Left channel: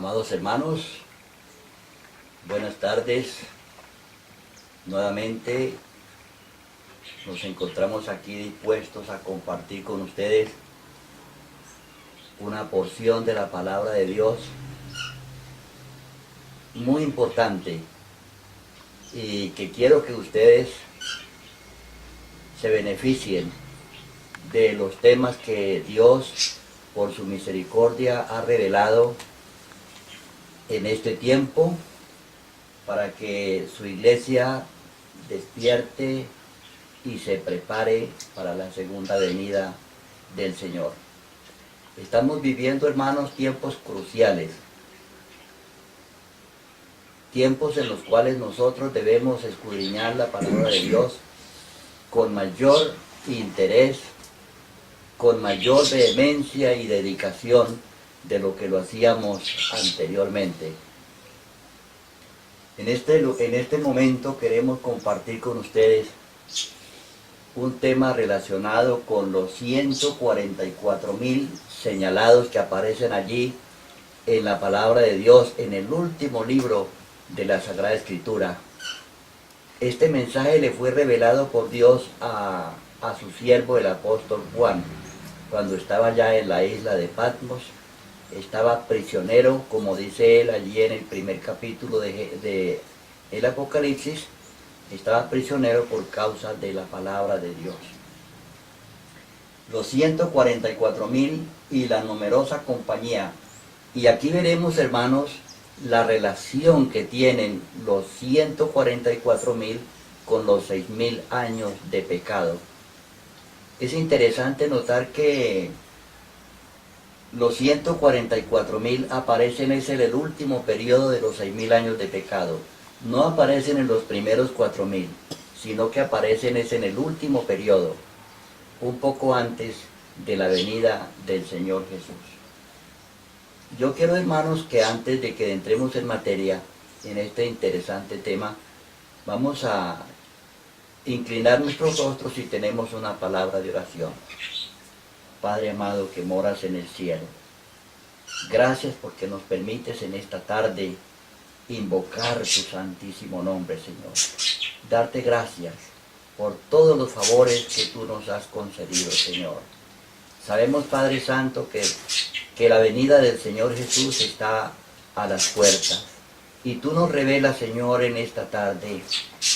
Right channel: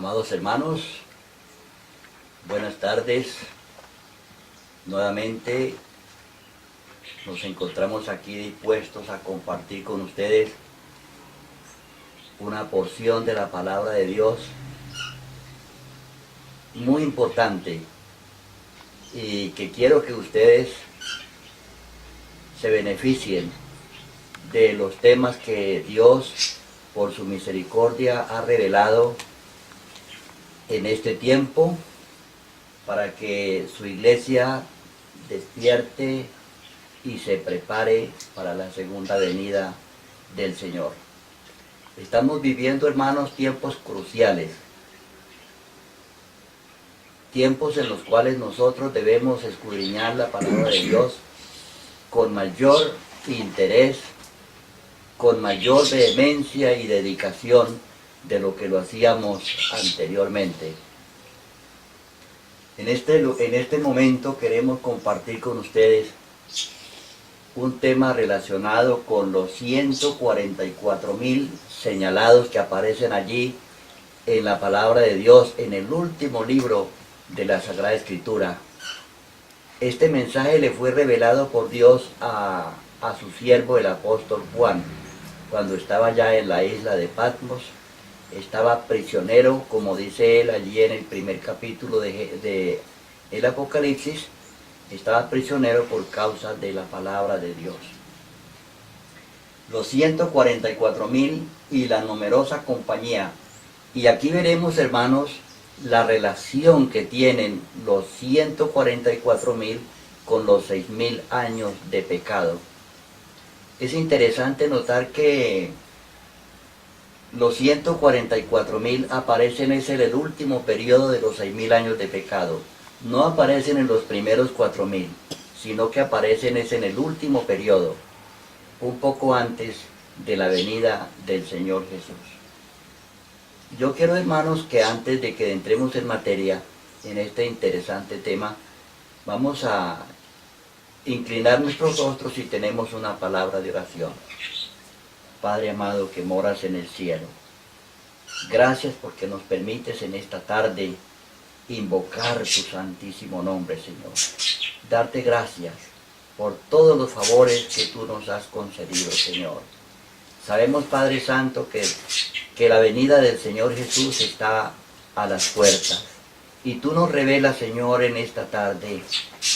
Amados hermanos, buenas tardes. Nuevamente nos encontramos aquí dispuestos a compartir con ustedes una porción de la palabra de Dios muy importante y que quiero que ustedes se beneficien de los temas que Dios por su misericordia ha revelado en este tiempo para que su iglesia despierte y se prepare para la segunda venida del Señor. Estamos viviendo, hermanos, tiempos cruciales, tiempos en los cuales nosotros debemos escudriñar la palabra de Dios con mayor interés, con mayor vehemencia y dedicación de lo que lo hacíamos anteriormente. En este momento queremos compartir con ustedes un tema relacionado con los 144,000 señalados que aparecen allí en la palabra de Dios, en el último libro de la Sagrada Escritura. Este mensaje le fue revelado por Dios a su siervo el apóstol Juan, cuando estaba ya en la isla de Patmos. Estaba prisionero, como dice él allí en el primer capítulo de el Apocalipsis, estaba prisionero por causa de la palabra de Dios. Los 144,000 y la numerosa compañía. Y aquí veremos, hermanos, la relación que tienen los 144,000 con los 6,000 años de pecado. Es interesante notar que los 144,000 aparecen en el último periodo de los 6,000 años de pecado. No aparecen en los primeros 4,000, sino que aparecen en el último periodo, un poco antes de la venida del Señor Jesús. Yo quiero, hermanos, que antes de que entremos en materia, en este interesante tema, vamos a inclinar nuestros rostros y tenemos una palabra de oración. Padre amado que moras en el cielo, gracias porque nos permites en esta tarde invocar tu santísimo nombre, Señor. Darte gracias por todos los favores que tú nos has concedido, Señor. Sabemos, Padre Santo, que la venida del Señor Jesús está a las puertas. Y tú nos revelas, Señor, en esta tarde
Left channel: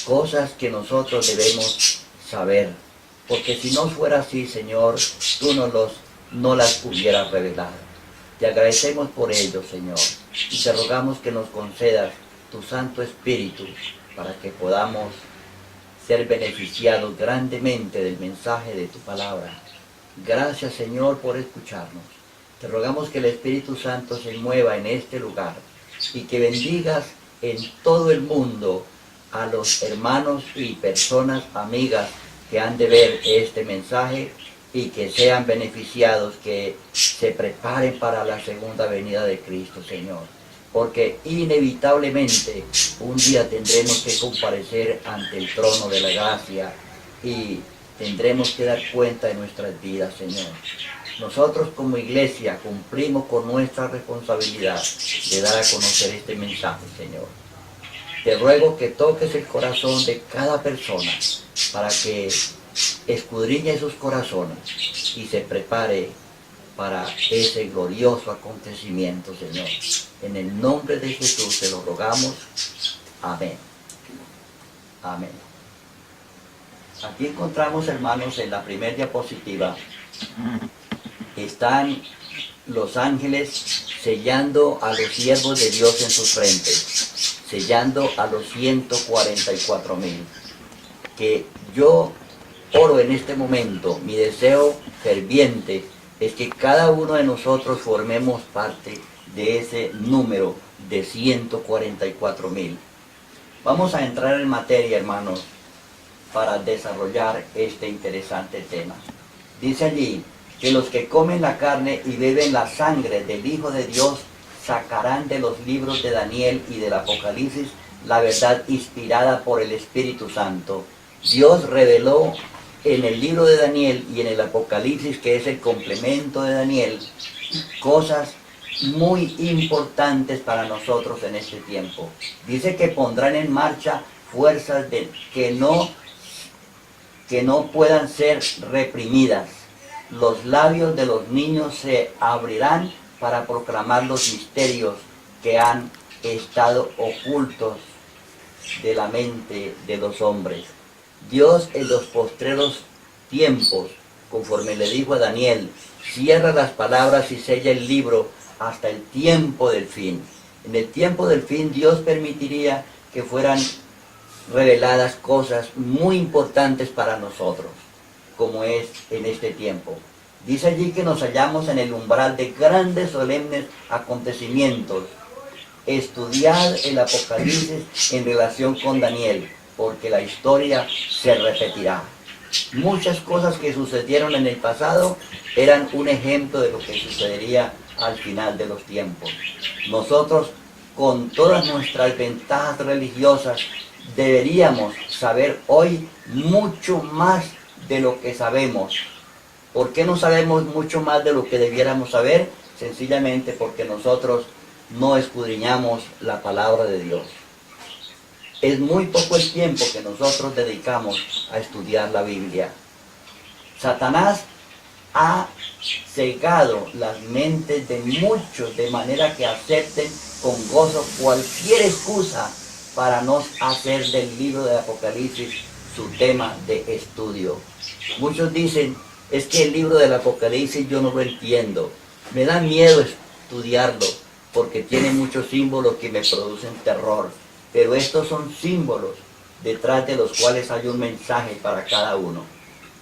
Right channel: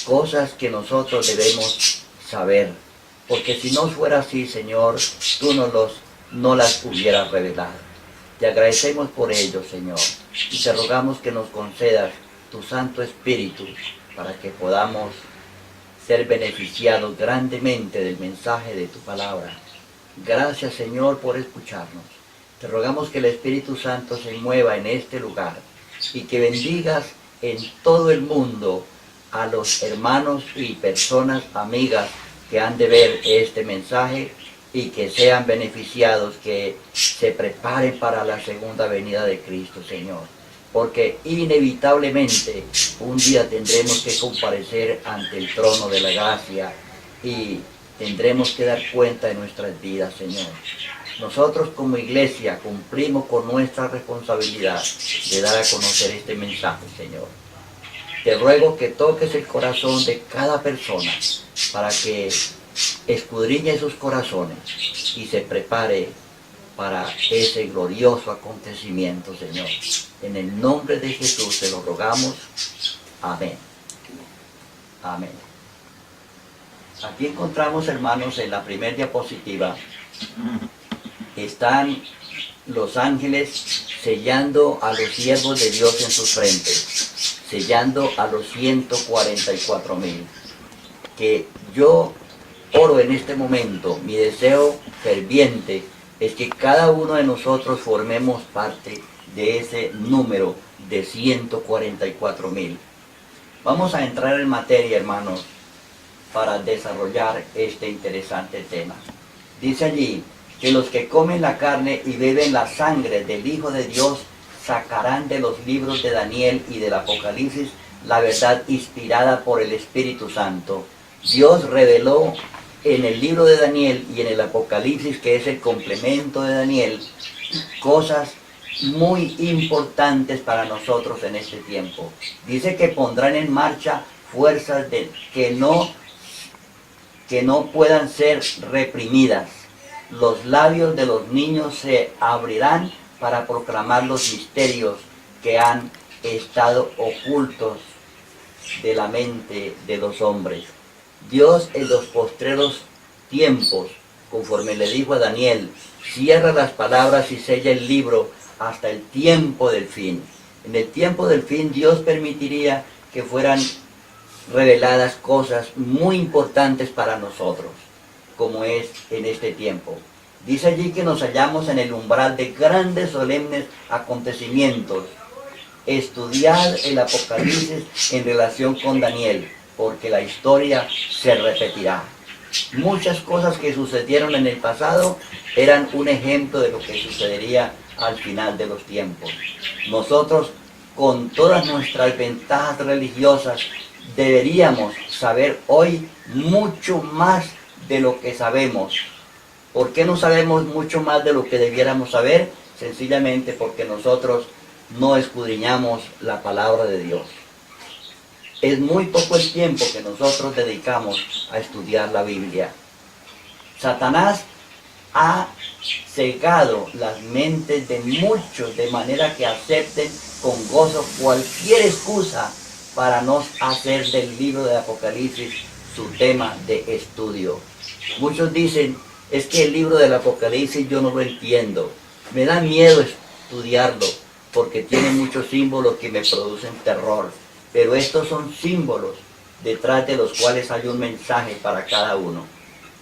cosas que nosotros debemos saber. Porque si no fuera así, Señor, tú no las hubieras revelado. Te agradecemos por ello, Señor, y te rogamos que nos concedas tu Santo Espíritu para que podamos ser beneficiados grandemente del mensaje de tu palabra. Gracias, Señor, por escucharnos. Te rogamos que el Espíritu Santo se mueva en este lugar y que bendigas en todo el mundo a los hermanos y personas amigas que han de ver este mensaje y que sean beneficiados, que se preparen para la segunda venida de Cristo, Señor. Porque inevitablemente un día tendremos que comparecer ante el trono de la gracia y tendremos que dar cuenta de nuestras vidas, Señor. Nosotros como iglesia cumplimos con nuestra responsabilidad de dar a conocer este mensaje, Señor. Te ruego que toques el corazón de cada persona para que escudriñe sus corazones y se prepare para ese glorioso acontecimiento, Señor. En el nombre de Jesús te lo rogamos. Amén. Amén. Aquí encontramos, hermanos, en la primera diapositiva, están los ángeles sellando a los siervos de Dios en sus frentes, sellando a los 144,000. Que yo oro en este momento, mi deseo ferviente es que cada uno de nosotros formemos parte de ese número de 144,000. Vamos a entrar en materia, hermanos, para desarrollar este interesante tema. Dice allí que los que comen la carne y beben la sangre del Hijo de Dios sacarán de los libros de Daniel y del Apocalipsis la verdad inspirada por el Espíritu Santo. Dios reveló en el libro de Daniel y en el Apocalipsis, que es el complemento de Daniel, cosas muy importantes para nosotros en este tiempo. Dice que pondrán en marcha fuerzas que no puedan ser reprimidas. Los labios de los niños se abrirán para proclamar los misterios que han estado ocultos de la mente de los hombres. Dios en los postreros tiempos, conforme le dijo a Daniel, cierra las palabras y sella el libro hasta el tiempo del fin. En el tiempo del fin Dios permitiría que fueran reveladas cosas muy importantes para nosotros, como es en este tiempo. Dice allí que nos hallamos en el umbral de grandes solemnes acontecimientos. Estudiad el Apocalipsis en relación con Daniel, porque la historia se repetirá. Muchas cosas que sucedieron en el pasado eran un ejemplo de lo que sucedería al final de los tiempos. Nosotros, con todas nuestras ventajas religiosas, deberíamos saber hoy mucho más de lo que sabemos. ¿Por qué no sabemos mucho más de lo que debiéramos saber? Sencillamente porque nosotros no escudriñamos la palabra de Dios. Es muy poco el tiempo que nosotros dedicamos a estudiar la Biblia. Satanás ha cegado las mentes de muchos de manera que acepten con gozo cualquier excusa para no hacer del libro de Apocalipsis su tema de estudio. Muchos dicen, es que el libro del Apocalipsis yo no lo entiendo, me da miedo estudiarlo porque tiene muchos símbolos que me producen terror, pero estos son símbolos detrás de los cuales hay un mensaje para cada uno.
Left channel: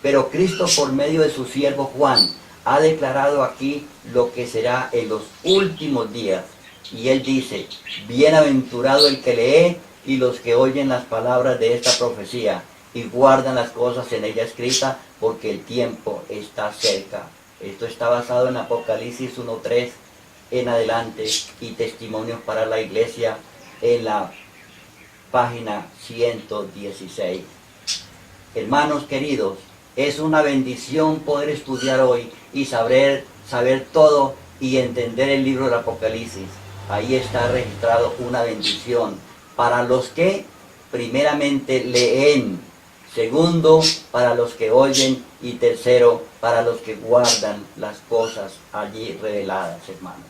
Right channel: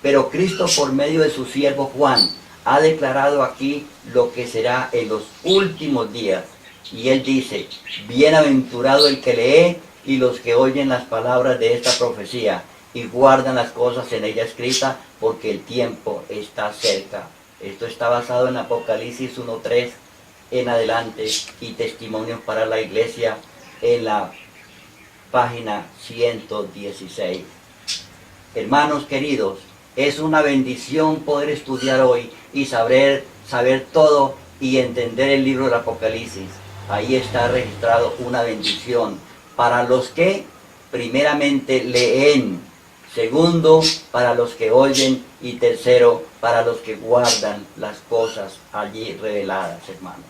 Pero Cristo, por medio de su siervo Juan, ha declarado aquí lo que será en los últimos días. Y él dice, bienaventurado el que lee y los que oyen las palabras de esta profecía y guardan las cosas en ella escritas, porque el tiempo está cerca. Esto está basado en Apocalipsis 1:3 en adelante y testimonios para la iglesia en la página 116. Hermanos queridos, es una bendición poder estudiar hoy y saber todo y entender el libro del Apocalipsis. Ahí está registrado una bendición para los que primeramente leen, segundo para los que oyen y tercero para los que guardan las cosas allí reveladas, hermanos.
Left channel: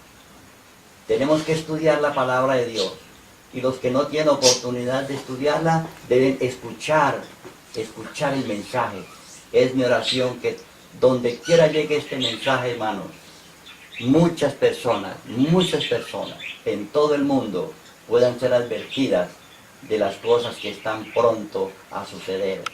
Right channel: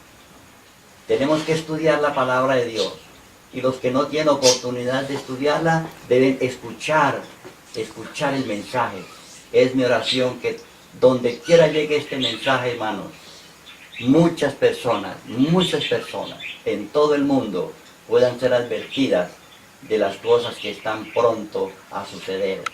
Tenemos que estudiar la palabra de Dios y los que no tienen oportunidad de estudiarla deben escuchar el mensaje. Es mi oración que donde quiera llegue este mensaje, hermanos, muchas personas en todo el mundo puedan ser advertidas de las cosas que están pronto a suceder,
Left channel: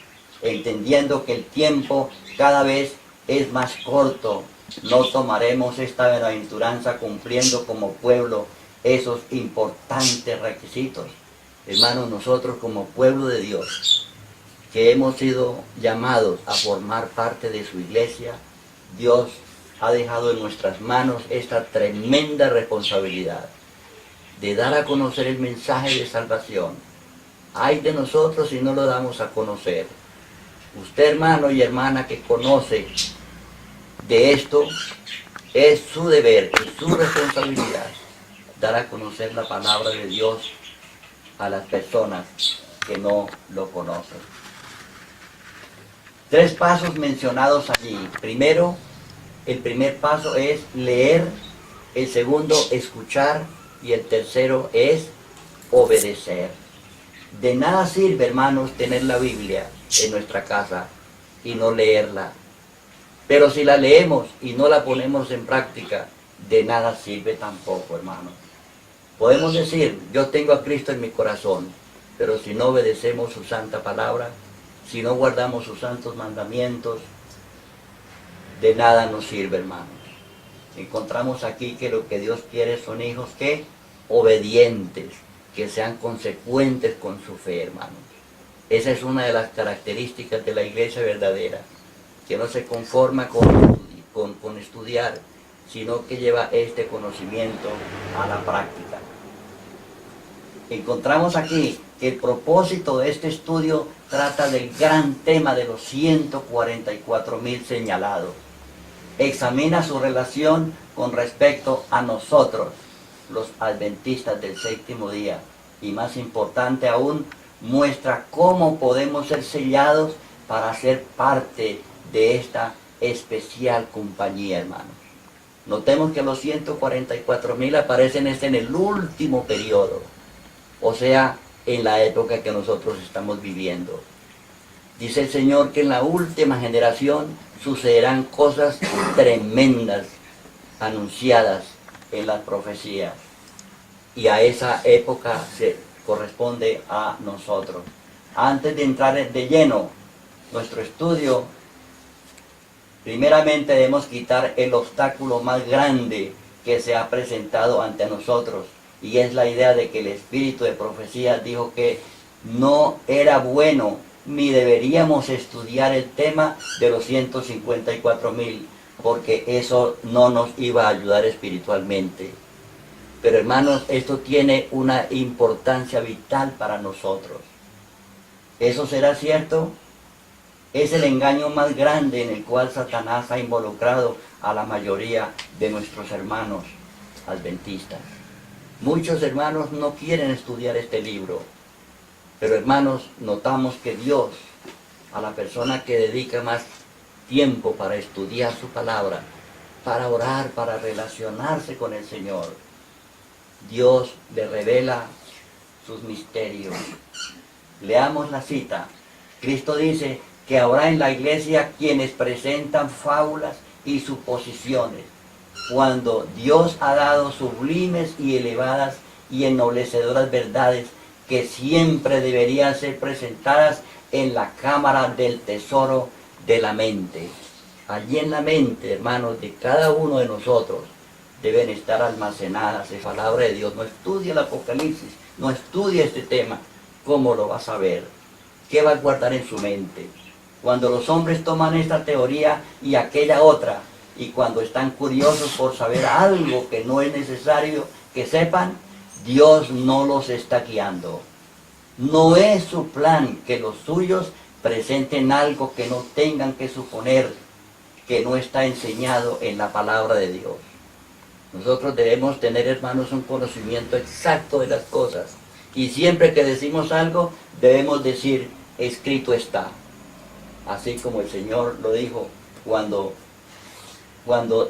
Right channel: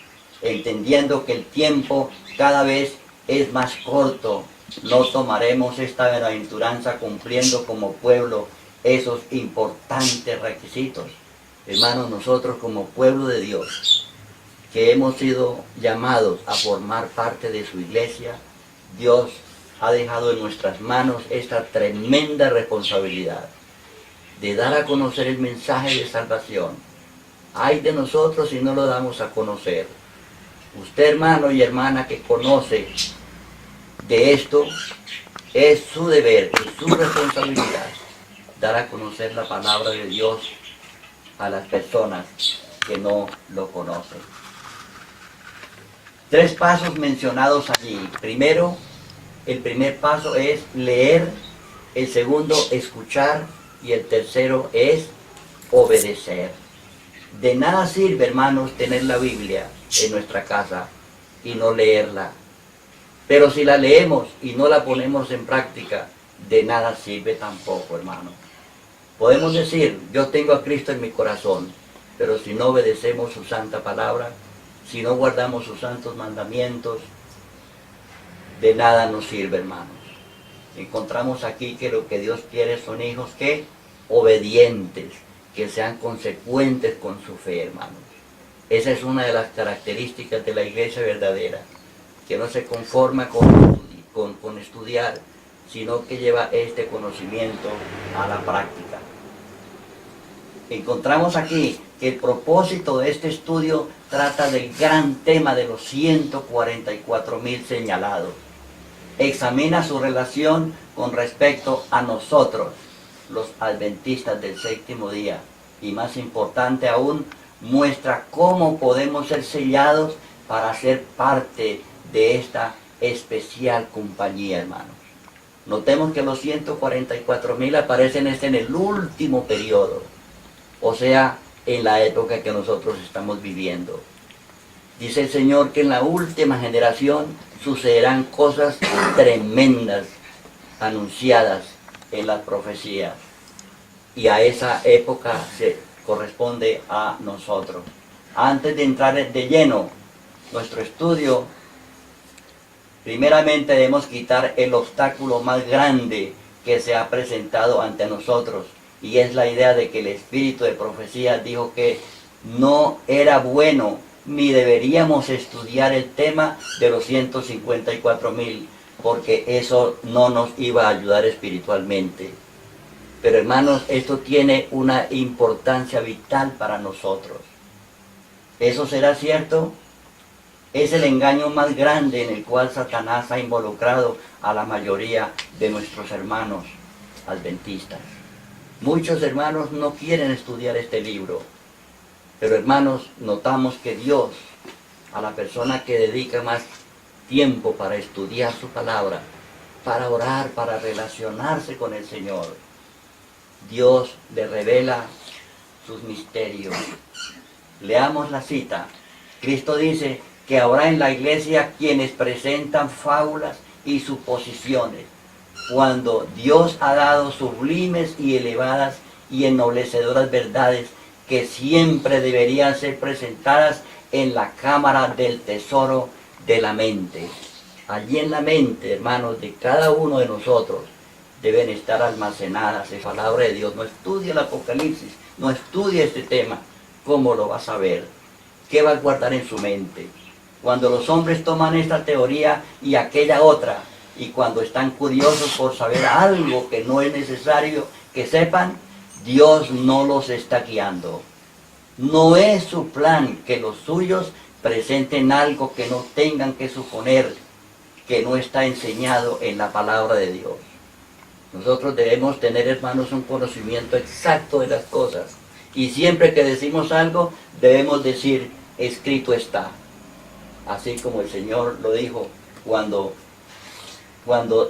entendiendo que el tiempo cada vez es más corto. No tomaremos esta bienaventuranza cumpliendo como pueblo esos importantes requisitos. Hermanos, nosotros como pueblo de Dios, que hemos sido llamados a formar parte de su iglesia, Dios ha dejado en nuestras manos esta tremenda responsabilidad de dar a conocer el mensaje de salvación. Ay de nosotros si no lo damos a conocer. Usted, hermano y hermana que conoce de esto, es su deber y su responsabilidad dar a conocer la palabra de Dios a las personas que no lo conocen. 3 pasos mencionados allí. Primero, el primer paso es leer, el segundo, escuchar, y el tercero es obedecer. De nada sirve, hermanos, tener la Biblia en nuestra casa y no leerla. Pero si la leemos y no la ponemos en práctica, de nada sirve tampoco, hermano. Podemos decir, yo tengo a Cristo en mi corazón, pero si no obedecemos su santa palabra, si no guardamos sus santos mandamientos, de nada nos sirve, hermanos. Encontramos aquí que lo que Dios quiere son hijos que obedientes, que sean consecuentes con su fe, hermanos. Esa es una de las características de la iglesia verdadera, que no se conforma con estudiar, sino que lleva este conocimiento a la práctica. Encontramos aquí que el propósito de este estudio trata del gran tema de los 144,000 señalados. examina su relación con respecto a nosotros, los adventistas del séptimo día. Y más importante aún, muestra cómo podemos ser sellados para ser parte de esta especial compañía, hermanos. Notemos que los 144.000 aparecen en el último periodo, o sea, en la época que nosotros estamos viviendo. Dice el Señor que en la última generación sucederán cosas tremendas anunciadas en las profecías. Y a esa época se corresponde a nosotros. Antes de entrar de lleno nuestro estudio, primeramente debemos quitar el obstáculo más grande que se ha presentado ante nosotros, y es la idea de que el espíritu de profecía dijo que no era bueno ni deberíamos estudiar el tema de los 154.000, porque eso no nos iba a ayudar espiritualmente. Pero hermanos, esto tiene una importancia vital para nosotros. ¿Eso será cierto? Es el engaño más grande en el cual Satanás ha involucrado a la mayoría de nuestros hermanos adventistas. Muchos hermanos no quieren estudiar este libro, pero hermanos, notamos que Dios, a la persona que dedica más tiempo para estudiar su palabra, para orar, para relacionarse con el Señor, Dios le revela sus misterios. Leamos la cita. Cristo dice que habrá en la iglesia quienes presentan fábulas y suposiciones, cuando Dios ha dado sublimes y elevadas y ennoblecederas verdades que siempre deberían ser presentadas en la cámara del tesoro de la mente. Allí en la mente, hermanos, de cada uno de nosotros deben estar almacenadas la palabra de Dios. No estudie el Apocalipsis, no estudie este tema. ¿Cómo lo vas a ver? ¿Qué va a guardar en su mente? Cuando los hombres toman esta teoría y aquella otra, y cuando están curiosos por saber algo que no es necesario que sepan, Dios no los está guiando. No es su plan que los suyos presenten algo que no tengan que suponer que no está enseñado en la palabra de Dios. Nosotros debemos tener, hermanos, un conocimiento exacto de las cosas. Y siempre que decimos algo, debemos decir, escrito está. Así como el Señor lo dijo cuando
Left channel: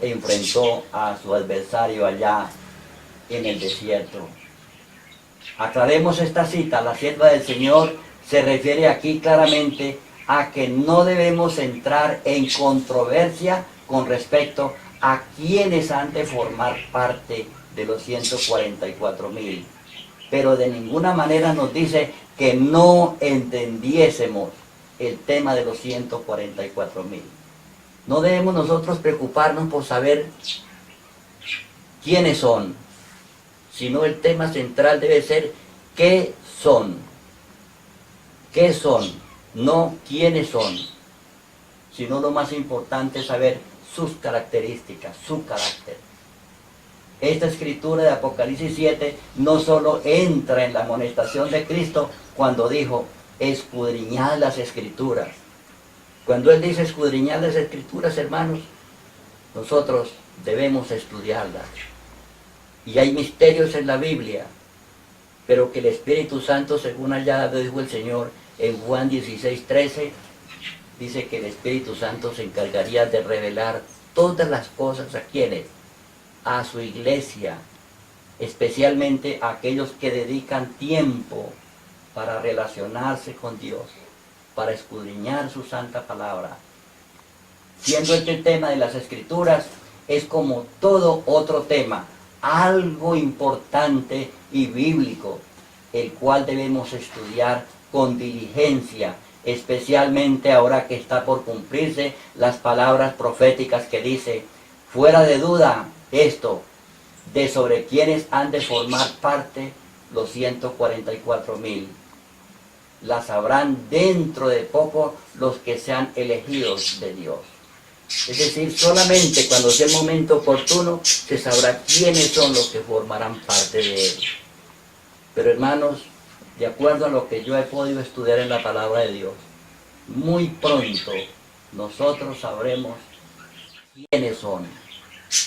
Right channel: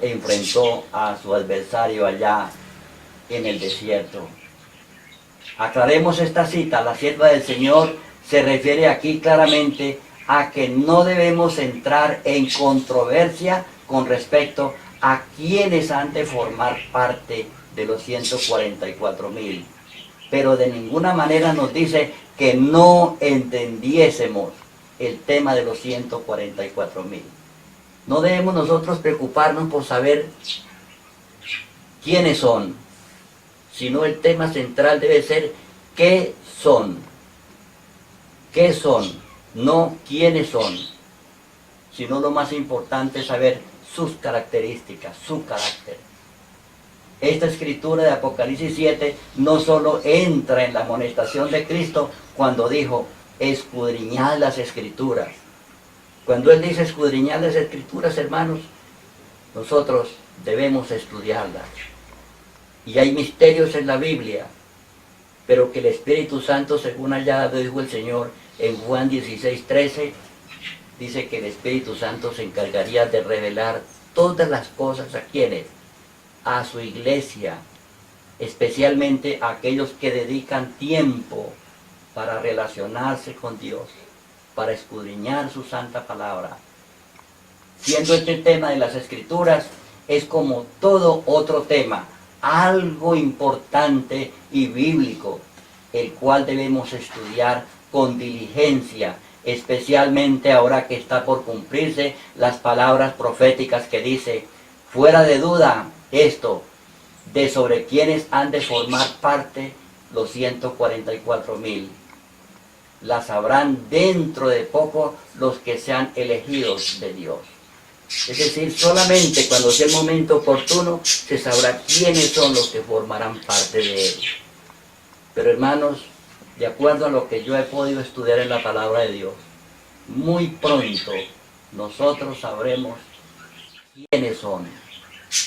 enfrentó a su adversario allá en el desierto. Aclaremos esta cita. La sierva del Señor se refiere aquí claramente a que no debemos entrar en controversia con respecto a quienes han de formar parte de los 144.000. Pero de ninguna manera nos dice que no entendiésemos el tema de los 144.000. No debemos nosotros preocuparnos por saber quiénes son, sino el tema central debe ser qué son. ¿Qué son? No quiénes son, sino lo más importante es saber sus características, su carácter. Esta escritura de Apocalipsis 7 no solo entra en la amonestación de Cristo cuando dijo, escudriñad las escrituras. Cuando Él dice escudriñad las escrituras, hermanos, nosotros debemos estudiarlas. Y hay misterios en la Biblia, pero que el Espíritu Santo, según allá dijo el Señor en Juan 16:13, dice que el Espíritu Santo se encargaría de revelar todas las cosas a quienes, a su iglesia, especialmente a aquellos que dedican tiempo para relacionarse con Dios, para escudriñar su santa palabra. Siendo este tema de las Escrituras, es como todo otro tema, algo importante y bíblico, el cual debemos estudiar con diligencia, especialmente ahora que está por cumplirse las palabras proféticas que dice, fuera de duda esto, de sobre quienes han de formar parte los 144.000. Las sabrán dentro de poco los que sean elegidos de Dios. Es decir, solamente cuando sea el momento oportuno se sabrá quiénes son los que formarán parte de él. Pero hermanos, de acuerdo a lo que yo he podido estudiar en la palabra de Dios, muy pronto nosotros sabremos quiénes son.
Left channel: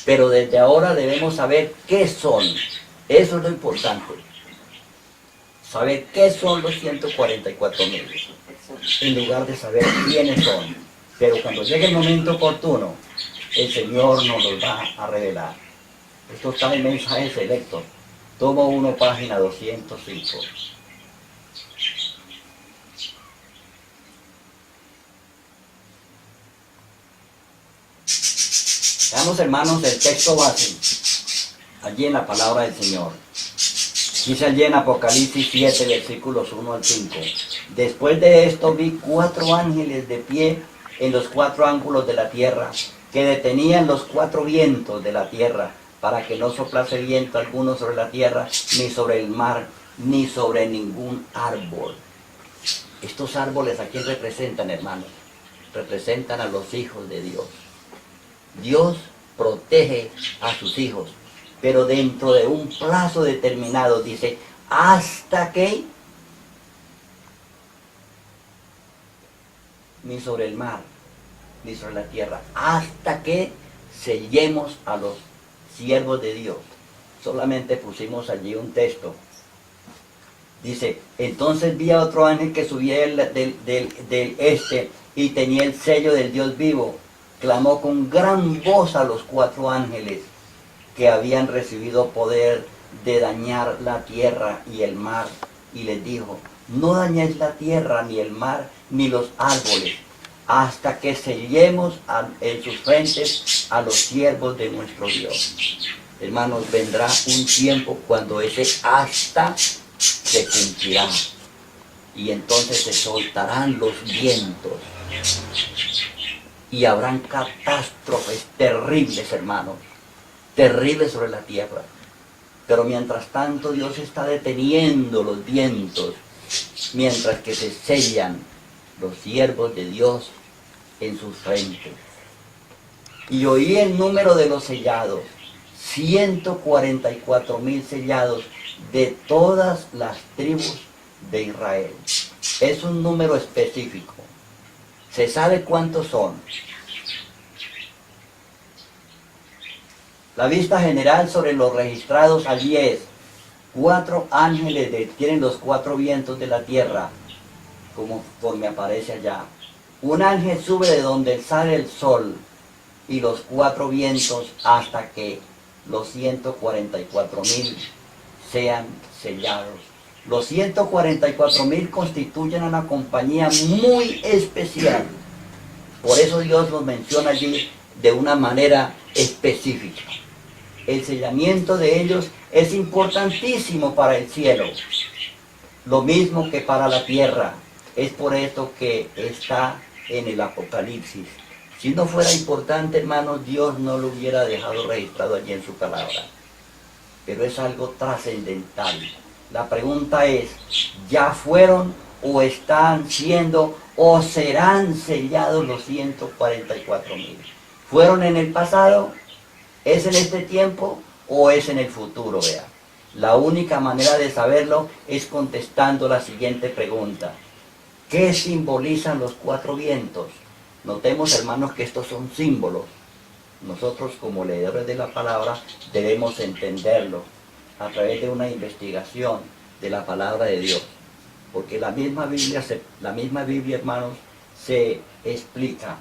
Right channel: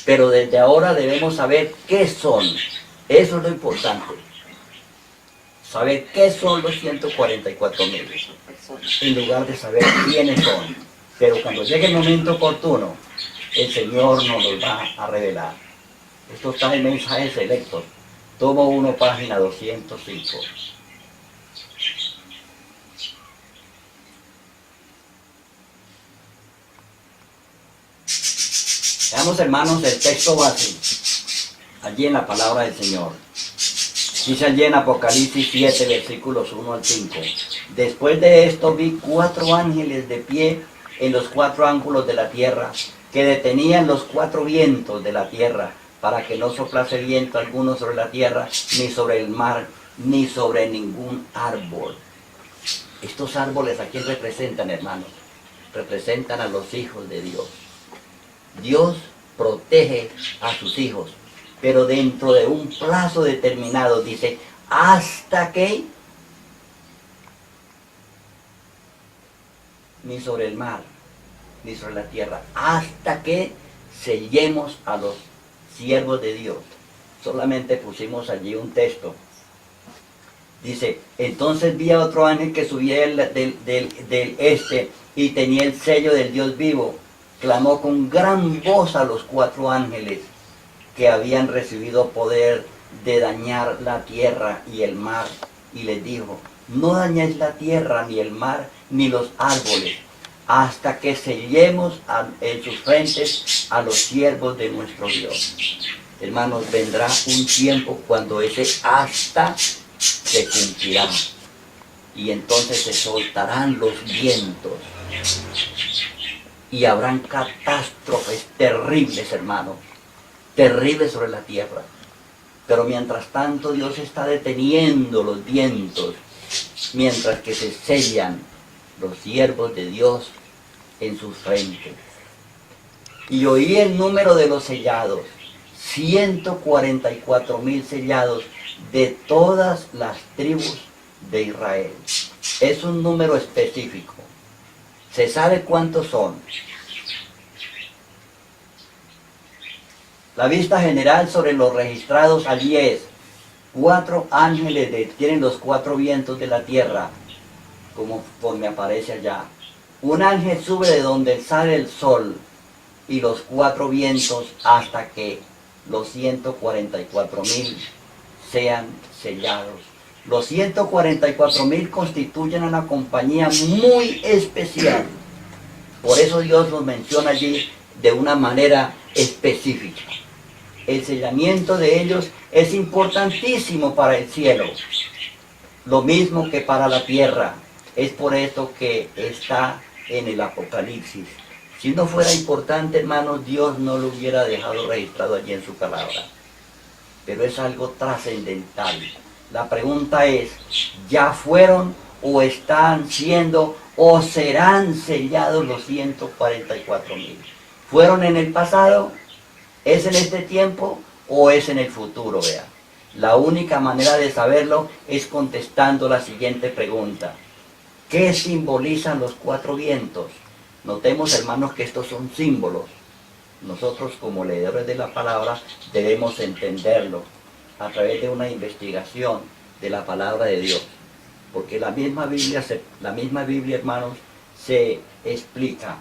Pero desde ahora debemos saber qué son. Eso es lo importante. Saber qué son los 144.000. En lugar de saber quiénes son. Pero cuando llegue el momento oportuno, el Señor nos los va a revelar. Esto está en Mensajes Selectos. Tomo 1, página 205. Veamos, hermanos, el texto base, allí en la palabra del Señor. Dice allí en Apocalipsis 7, versículos 1 al 5. Después de esto vi 4 ángeles de pie en los 4 ángulos de la tierra, que detenían los 4 vientos de la tierra, para que no soplase viento alguno sobre la tierra, ni sobre el mar, ni sobre ningún árbol. Estos árboles, ¿a quién representan, hermanos? Representan a los hijos de Dios. Dios protege a sus hijos, pero dentro de un plazo determinado, dice, hasta que ni sobre el mar, ni sobre la tierra, hasta que sellemos a los siervos de Dios. Solamente pusimos allí un texto. Dice, entonces vi a otro ángel que subía del este y tenía el sello del Dios vivo. Clamó con gran voz a los 4 ángeles que habían recibido poder de dañar la tierra y el mar, y les dijo, no dañéis la tierra, ni el mar, ni los árboles, hasta que sellemos en sus frentes a los siervos de nuestro Dios. Hermanos, vendrá un tiempo cuando ese hasta se cumplirá, y entonces se soltarán los vientos, y habrán catástrofes terribles, hermanos, terribles sobre la tierra. Pero mientras tanto Dios está deteniendo los vientos, mientras que se sellan los siervos de Dios en sus frentes. Y oí el número de los sellados, 144.000 sellados de todas las tribus de Israel. Es un número específico. Se sabe cuántos son. La vista general sobre los registrados allí es 4 ángeles tienen los 4 vientos de la tierra, como me aparece allá. Un ángel sube de donde sale el sol y los 4 vientos hasta que los 144.000 sean sellados. Los 144.000 constituyen una compañía muy especial. Por eso Dios los menciona allí de una manera específica. El sellamiento de ellos es importantísimo para el cielo, lo mismo que para la tierra. Es por esto que está en el Apocalipsis. Si no fuera importante, hermanos, Dios no lo hubiera dejado registrado allí en su palabra. Pero es algo trascendental. La pregunta es, ¿ya fueron o están siendo o serán sellados los 144.000? ¿Fueron en el pasado? ¿Es en este tiempo o es en el futuro? Vea, la única manera de saberlo es contestando la siguiente pregunta. ¿Qué simbolizan los 4 vientos? Notemos, hermanos, que estos son símbolos. Nosotros, como leedores de la palabra, debemos entenderlo a través de una investigación de la palabra de Dios. Porque la misma Biblia, hermanos, se explica.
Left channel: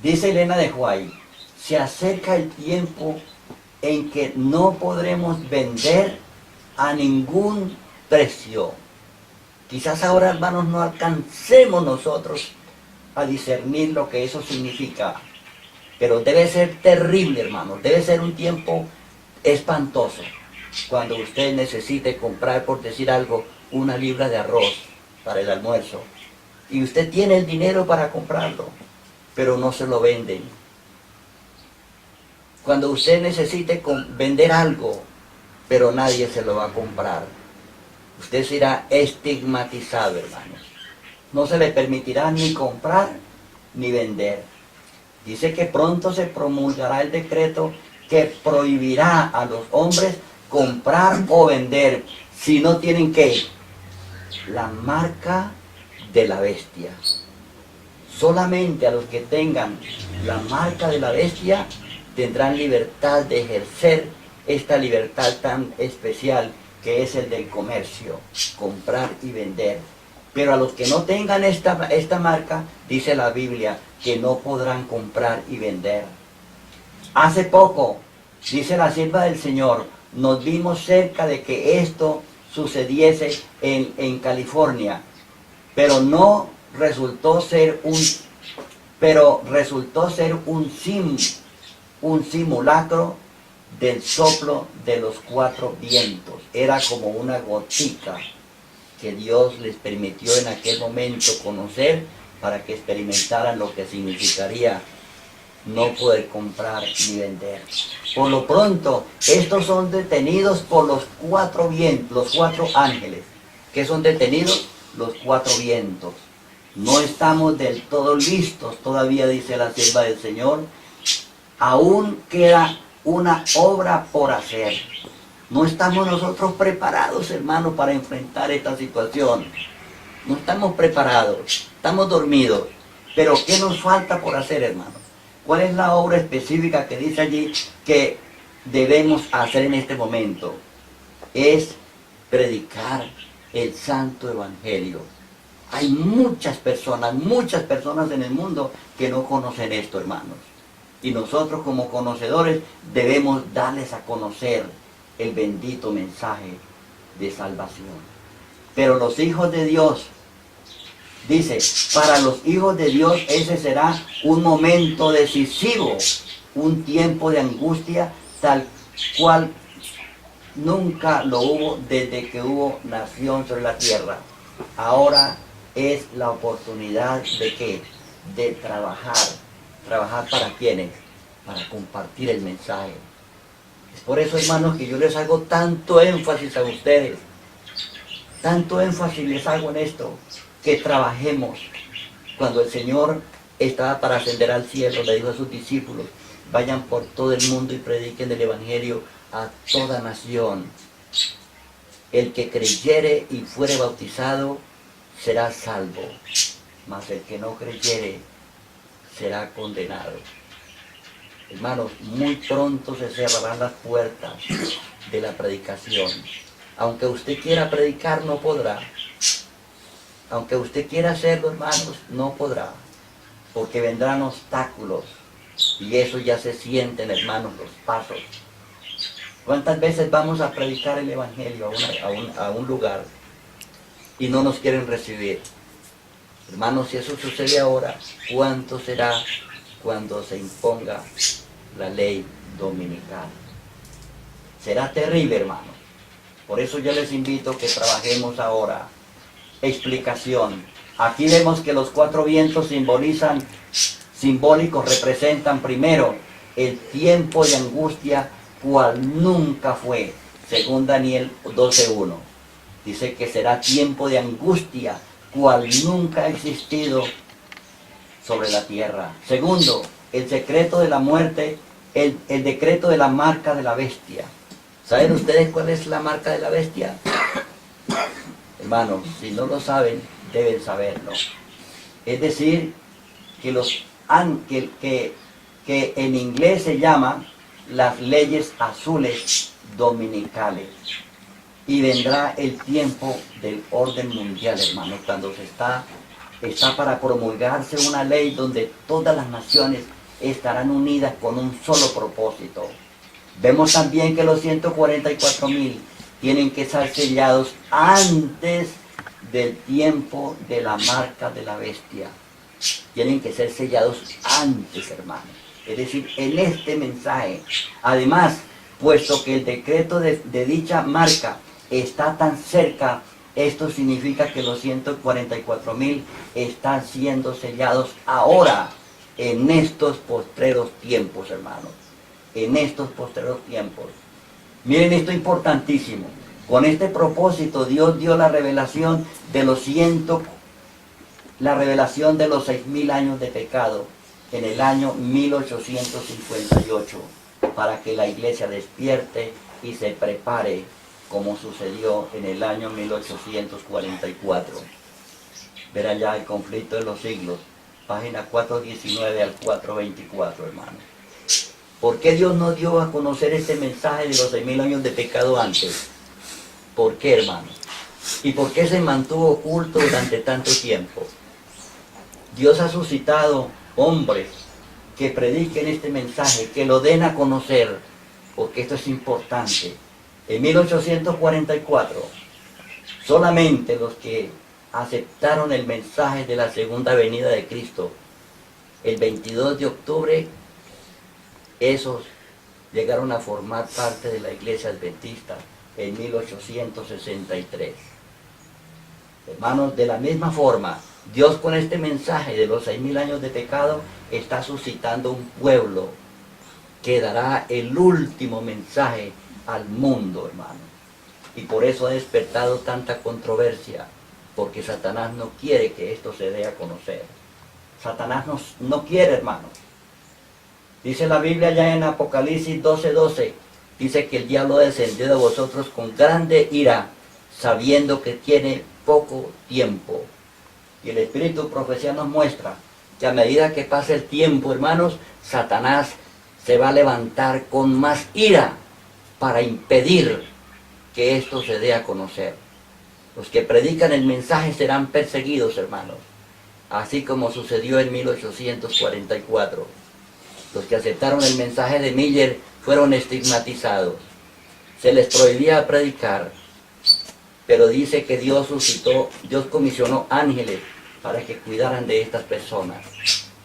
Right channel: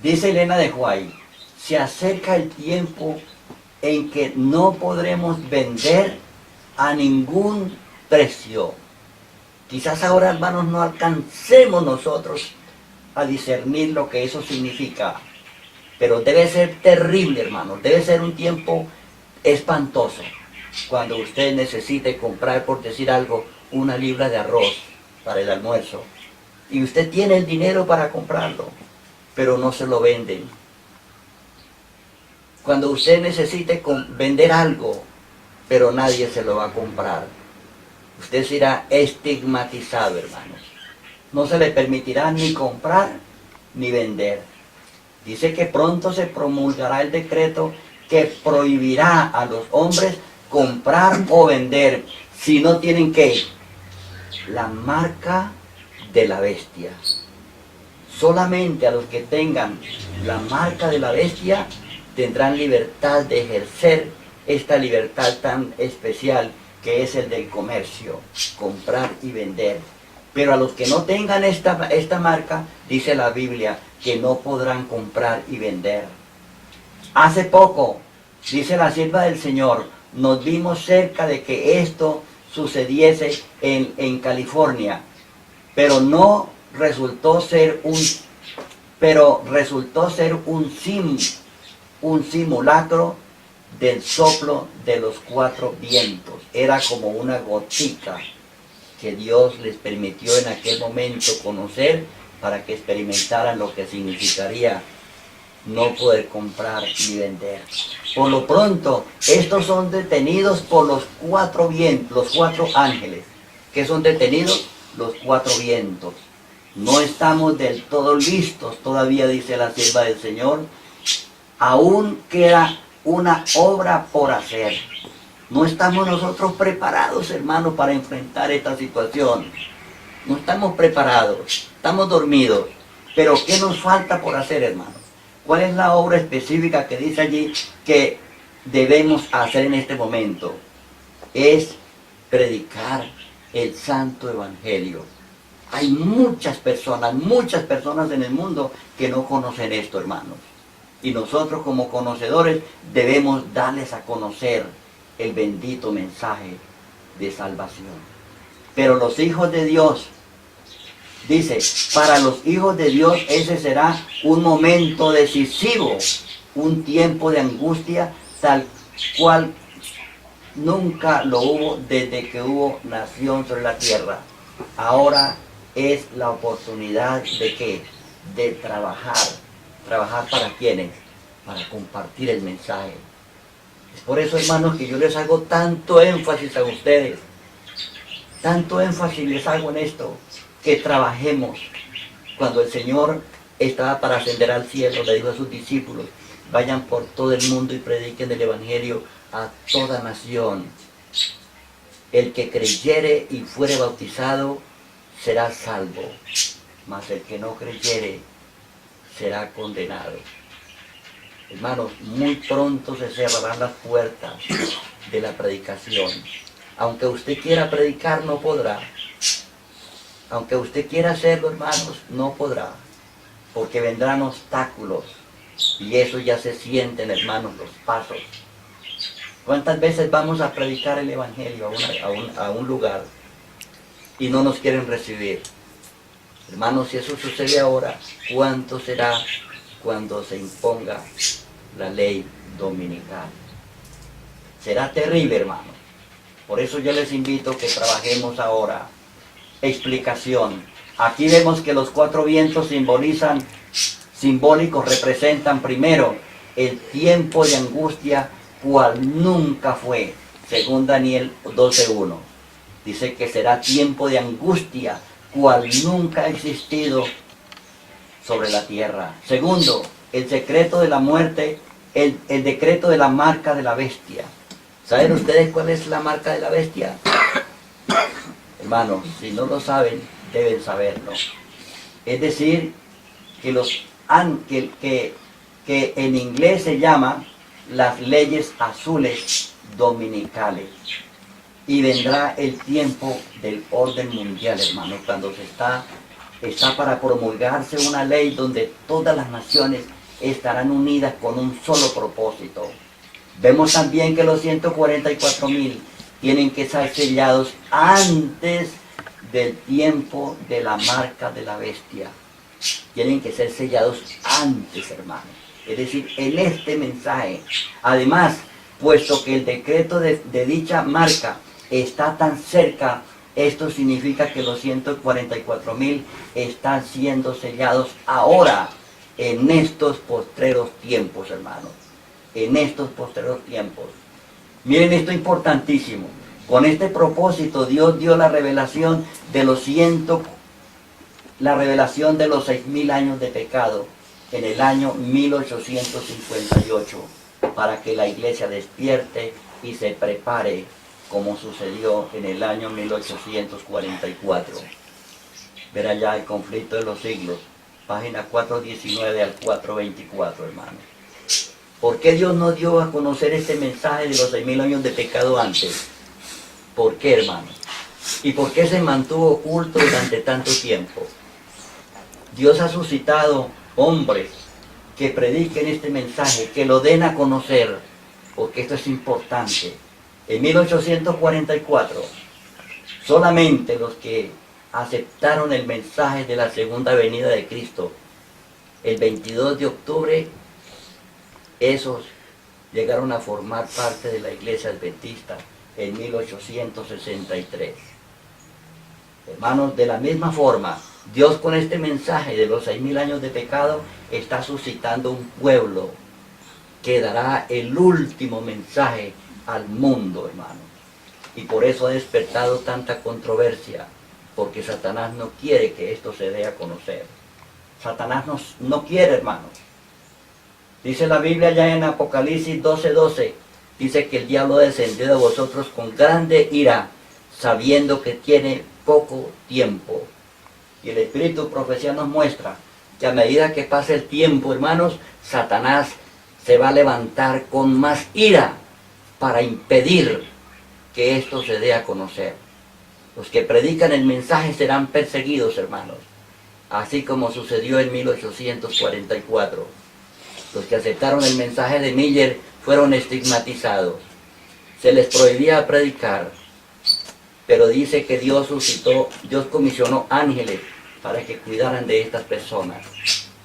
Dice Elena de White, se acerca el tiempo en que no podremos vender a ningún precio. Quizás ahora, hermanos, no alcancemos nosotros a discernir lo que eso significa. Pero debe ser terrible, hermanos. Debe ser un tiempo espantoso. Cuando usted necesite comprar, por decir algo, 1 libra de arroz para el almuerzo. Y usted tiene el dinero para comprarlo, pero no se lo venden. Cuando usted necesite vender algo, pero nadie se lo va a comprar, usted será estigmatizado, hermanos. No se le permitirá ni comprar ni vender. Dice que pronto se promulgará el decreto que prohibirá a los hombres comprar o vender si no tienen ¿qué? La marca de la bestia. Solamente a los que tengan la marca de la bestia tendrán libertad de ejercer esta libertad tan especial que es el del comercio, comprar y vender. Pero a los que no tengan esta marca, dice la Biblia, que no podrán comprar y vender. Hace poco, dice la sierva del Señor, nos vimos cerca de que esto sucediese en California, pero no resultó ser un simulacro del soplo de los cuatro vientos. Era como una gotica que Dios les permitió en aquel momento conocer para que experimentaran lo que significaría no poder comprar ni vender. Por lo pronto, estos son detenidos por los cuatro vientos, los cuatro ángeles. ¿Qué son detenidos? Los cuatro vientos. No estamos del todo listos todavía, dice la sierva del Señor. Aún queda una obra por hacer. No estamos nosotros preparados, hermanos, para enfrentar esta situación. No estamos preparados, estamos dormidos. Pero ¿qué nos falta por hacer, hermanos? ¿Cuál es la obra específica que dice allí que debemos hacer en este momento? Es predicar el santo evangelio. Hay muchas personas en el mundo que no conocen esto, hermanos. Y nosotros como conocedores debemos darles a conocer el bendito mensaje de salvación. Pero los hijos de Dios, dice, para los hijos de Dios ese será un momento decisivo, un tiempo de angustia tal cual nunca lo hubo desde que hubo nación sobre la tierra. Ahora es la oportunidad de ¿qué? De trabajar. ¿Trabajar para quiénes? Para compartir el mensaje. Es por eso, hermanos, que yo les hago tanto énfasis a ustedes. Tanto énfasis les hago en esto. Que trabajemos. Cuando el Señor estaba para ascender al cielo, le dijo a sus discípulos, vayan por todo el mundo y prediquen el evangelio a toda nación. El que creyere y fuere bautizado será salvo, mas el que no creyere será condenado. Hermanos, muy pronto se cerrarán las puertas de la predicación. Aunque usted quiera predicar, no podrá. Aunque usted quiera hacerlo, hermanos, no podrá. Porque vendrán obstáculos. Y eso ya se sienten, hermanos, los pasos. ¿Cuántas veces vamos a predicar el evangelio a un lugar y no nos quieren recibir? Hermanos, si eso sucede ahora, ¿cuánto será cuando se imponga la ley dominical? Será terrible, hermanos. Por eso yo les invito a que trabajemos ahora. Explicación. Aquí vemos que los cuatro vientos simbólicos representan primero el tiempo de angustia cual nunca fue, según Daniel 12:1. Dice que será tiempo de angustia cual nunca ha existido sobre la tierra. Segundo, el secreto de la muerte, el decreto de la marca de la bestia. ¿Saben ustedes cuál es la marca de la bestia? Hermanos, si no lo saben, deben saberlo. Es decir, que en inglés se llama las leyes azules dominicales. Y vendrá el tiempo del orden mundial, hermanos, cuando está para promulgarse una ley donde todas las naciones estarán unidas con un solo propósito. Vemos también que los 144,000 tienen que ser sellados antes del tiempo de la marca de la bestia. Tienen que ser sellados antes, hermanos. Es decir, en este mensaje. Además, puesto que el decreto de dicha marca está tan cerca, esto significa que los 144,000 están siendo sellados ahora, en estos postreros tiempos, hermanos. En estos postreros tiempos. Miren esto importantísimo. Con este propósito, Dios dio la revelación de los 6,000 años de pecado en el año 1858, para que la iglesia despierte y se prepare, como sucedió en el año 1844. Ver allá el conflicto de los siglos, página 419 al 424, hermanos. ¿Por qué Dios nos dio a conocer este mensaje de los 6.000 años de pecado antes? ¿Por qué, hermanos? ¿Y por qué se mantuvo oculto durante tanto tiempo? Dios ha suscitado hombres que prediquen este mensaje, que lo den a conocer, porque esto es importante. En 1844, solamente los que aceptaron el mensaje de la segunda venida de Cristo, el 22 de octubre, esos llegaron a formar parte de la iglesia adventista en 1863. Hermanos, de la misma forma, Dios con este mensaje de los 6.000 años de pecado está suscitando un pueblo que dará el último mensaje al mundo, hermanos. Y por eso ha despertado tanta controversia, porque Satanás no quiere que esto se dé a conocer. Satanás no quiere, hermanos. Dice la Biblia ya en Apocalipsis 12:12, dice que el diablo descendió de vosotros con grande ira, sabiendo que tiene poco tiempo. Y el Espíritu de Profecía nos muestra que a medida que pase el tiempo, hermanos, Satanás se va a levantar con más ira para impedir que esto se dé a conocer. Los que predican el mensaje serán perseguidos, hermanos, así como sucedió en 1844. Los que aceptaron el mensaje de Miller fueron estigmatizados. Se les prohibía predicar, pero dice que Dios comisionó ángeles para que cuidaran de estas personas.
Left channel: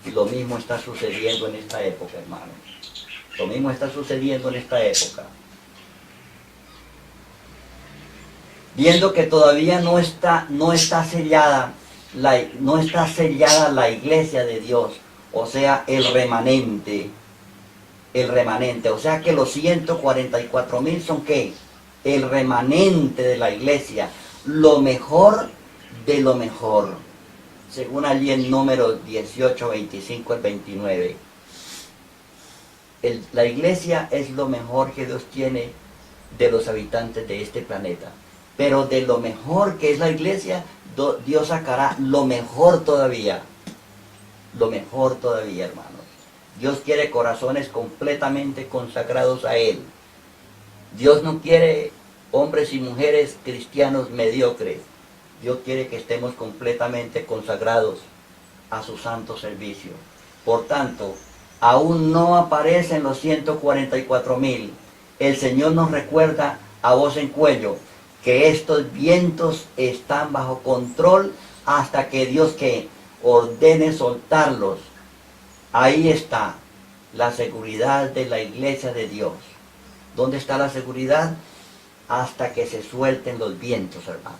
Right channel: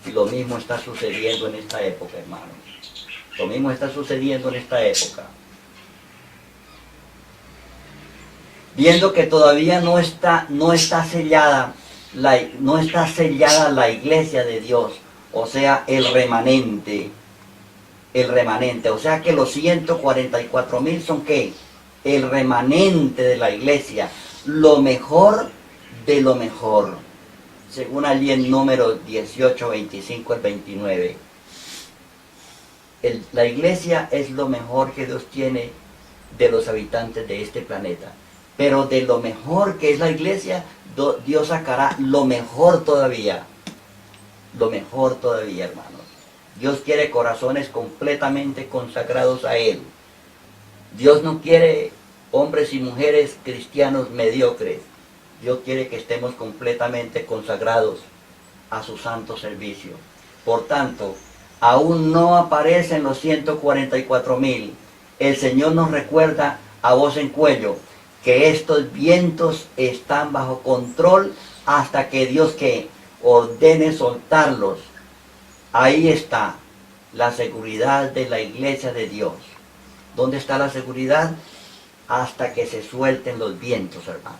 Y lo mismo está sucediendo en esta época, hermanos. Lo mismo está sucediendo en esta época. Viendo que todavía no está sellada la iglesia de Dios, o sea, el remanente, o sea que los 144.000 son ¿qué? El remanente de la iglesia, lo mejor de lo mejor, según allí en Números 18, 25 al 29. La iglesia es lo mejor que Dios tiene de los habitantes de este planeta. Pero de lo mejor que es la iglesia, Dios sacará lo mejor todavía. Lo mejor todavía, hermanos. Dios quiere corazones completamente consagrados a Él. Dios no quiere hombres y mujeres cristianos mediocres. Dios quiere que estemos completamente consagrados a su santo servicio. Por tanto, aún no aparecen los 144.000. El Señor nos recuerda a voz en cuello que estos vientos están bajo control hasta que Dios que ordene soltarlos. Ahí está la seguridad de la iglesia de Dios. ¿Dónde está la seguridad? Hasta que se suelten los vientos, hermanos.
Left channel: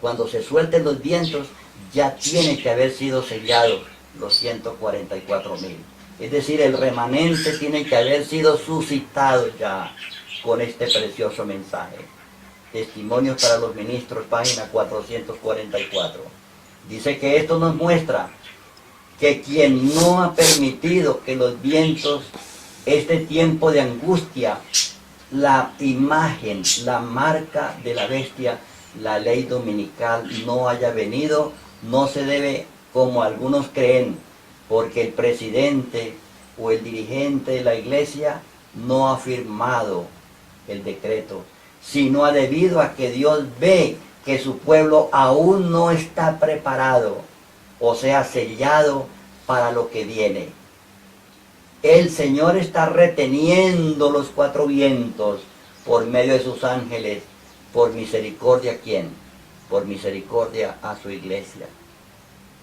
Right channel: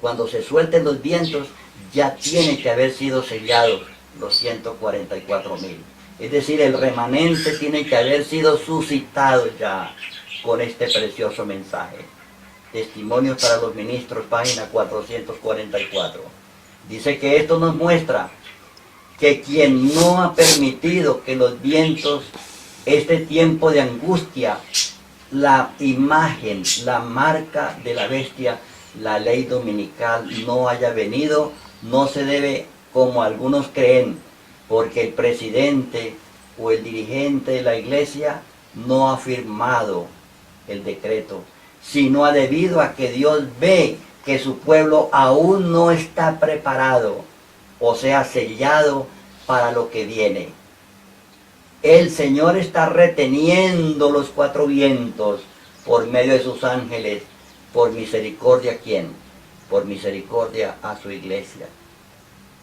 Cuando se suelten los vientos, ya tiene que haber sido sellados los 144.000. Es decir, el remanente tiene que haber sido suscitado ya con este precioso mensaje. Testimonios para los ministros, página 444. Dice que esto nos muestra que quien no ha permitido que los vientos, este tiempo de angustia, la imagen, la marca de la bestia, la ley dominical no haya venido, no se debe, como algunos creen, porque el presidente o el dirigente de la iglesia no ha firmado el decreto, sino debido a que Dios ve que su pueblo aún no está preparado, o sea, sellado para lo que viene. El Señor está reteniendo los 4 vientos por medio de sus ángeles, por misericordia, ¿a quién? Por misericordia a su iglesia.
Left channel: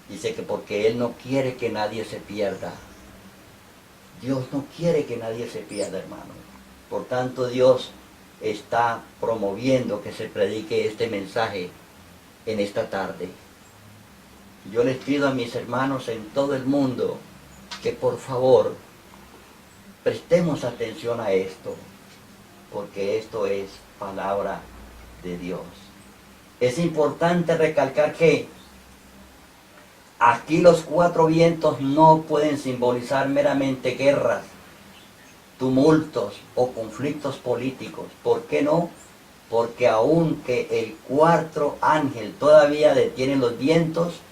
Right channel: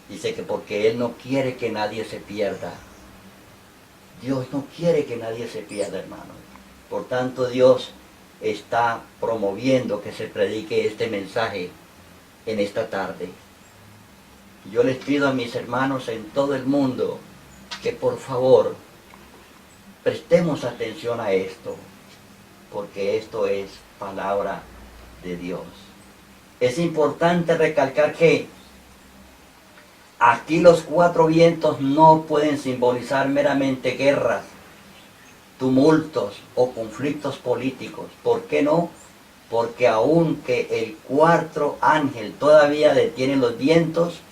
Dice que porque Él no quiere que nadie se pierda. Dios no quiere que nadie se pierda, hermanos. Por tanto, Dios está promoviendo que se predique este mensaje en esta tarde. Yo les pido a mis hermanos en todo el mundo que por favor prestemos atención a esto, porque esto es palabra de Dios. Es importante recalcar que aquí los 4 vientos no pueden simbolizar meramente guerras, tumultos o conflictos políticos. ¿Por qué no? Porque aunque el 4º ángel todavía detiene los vientos,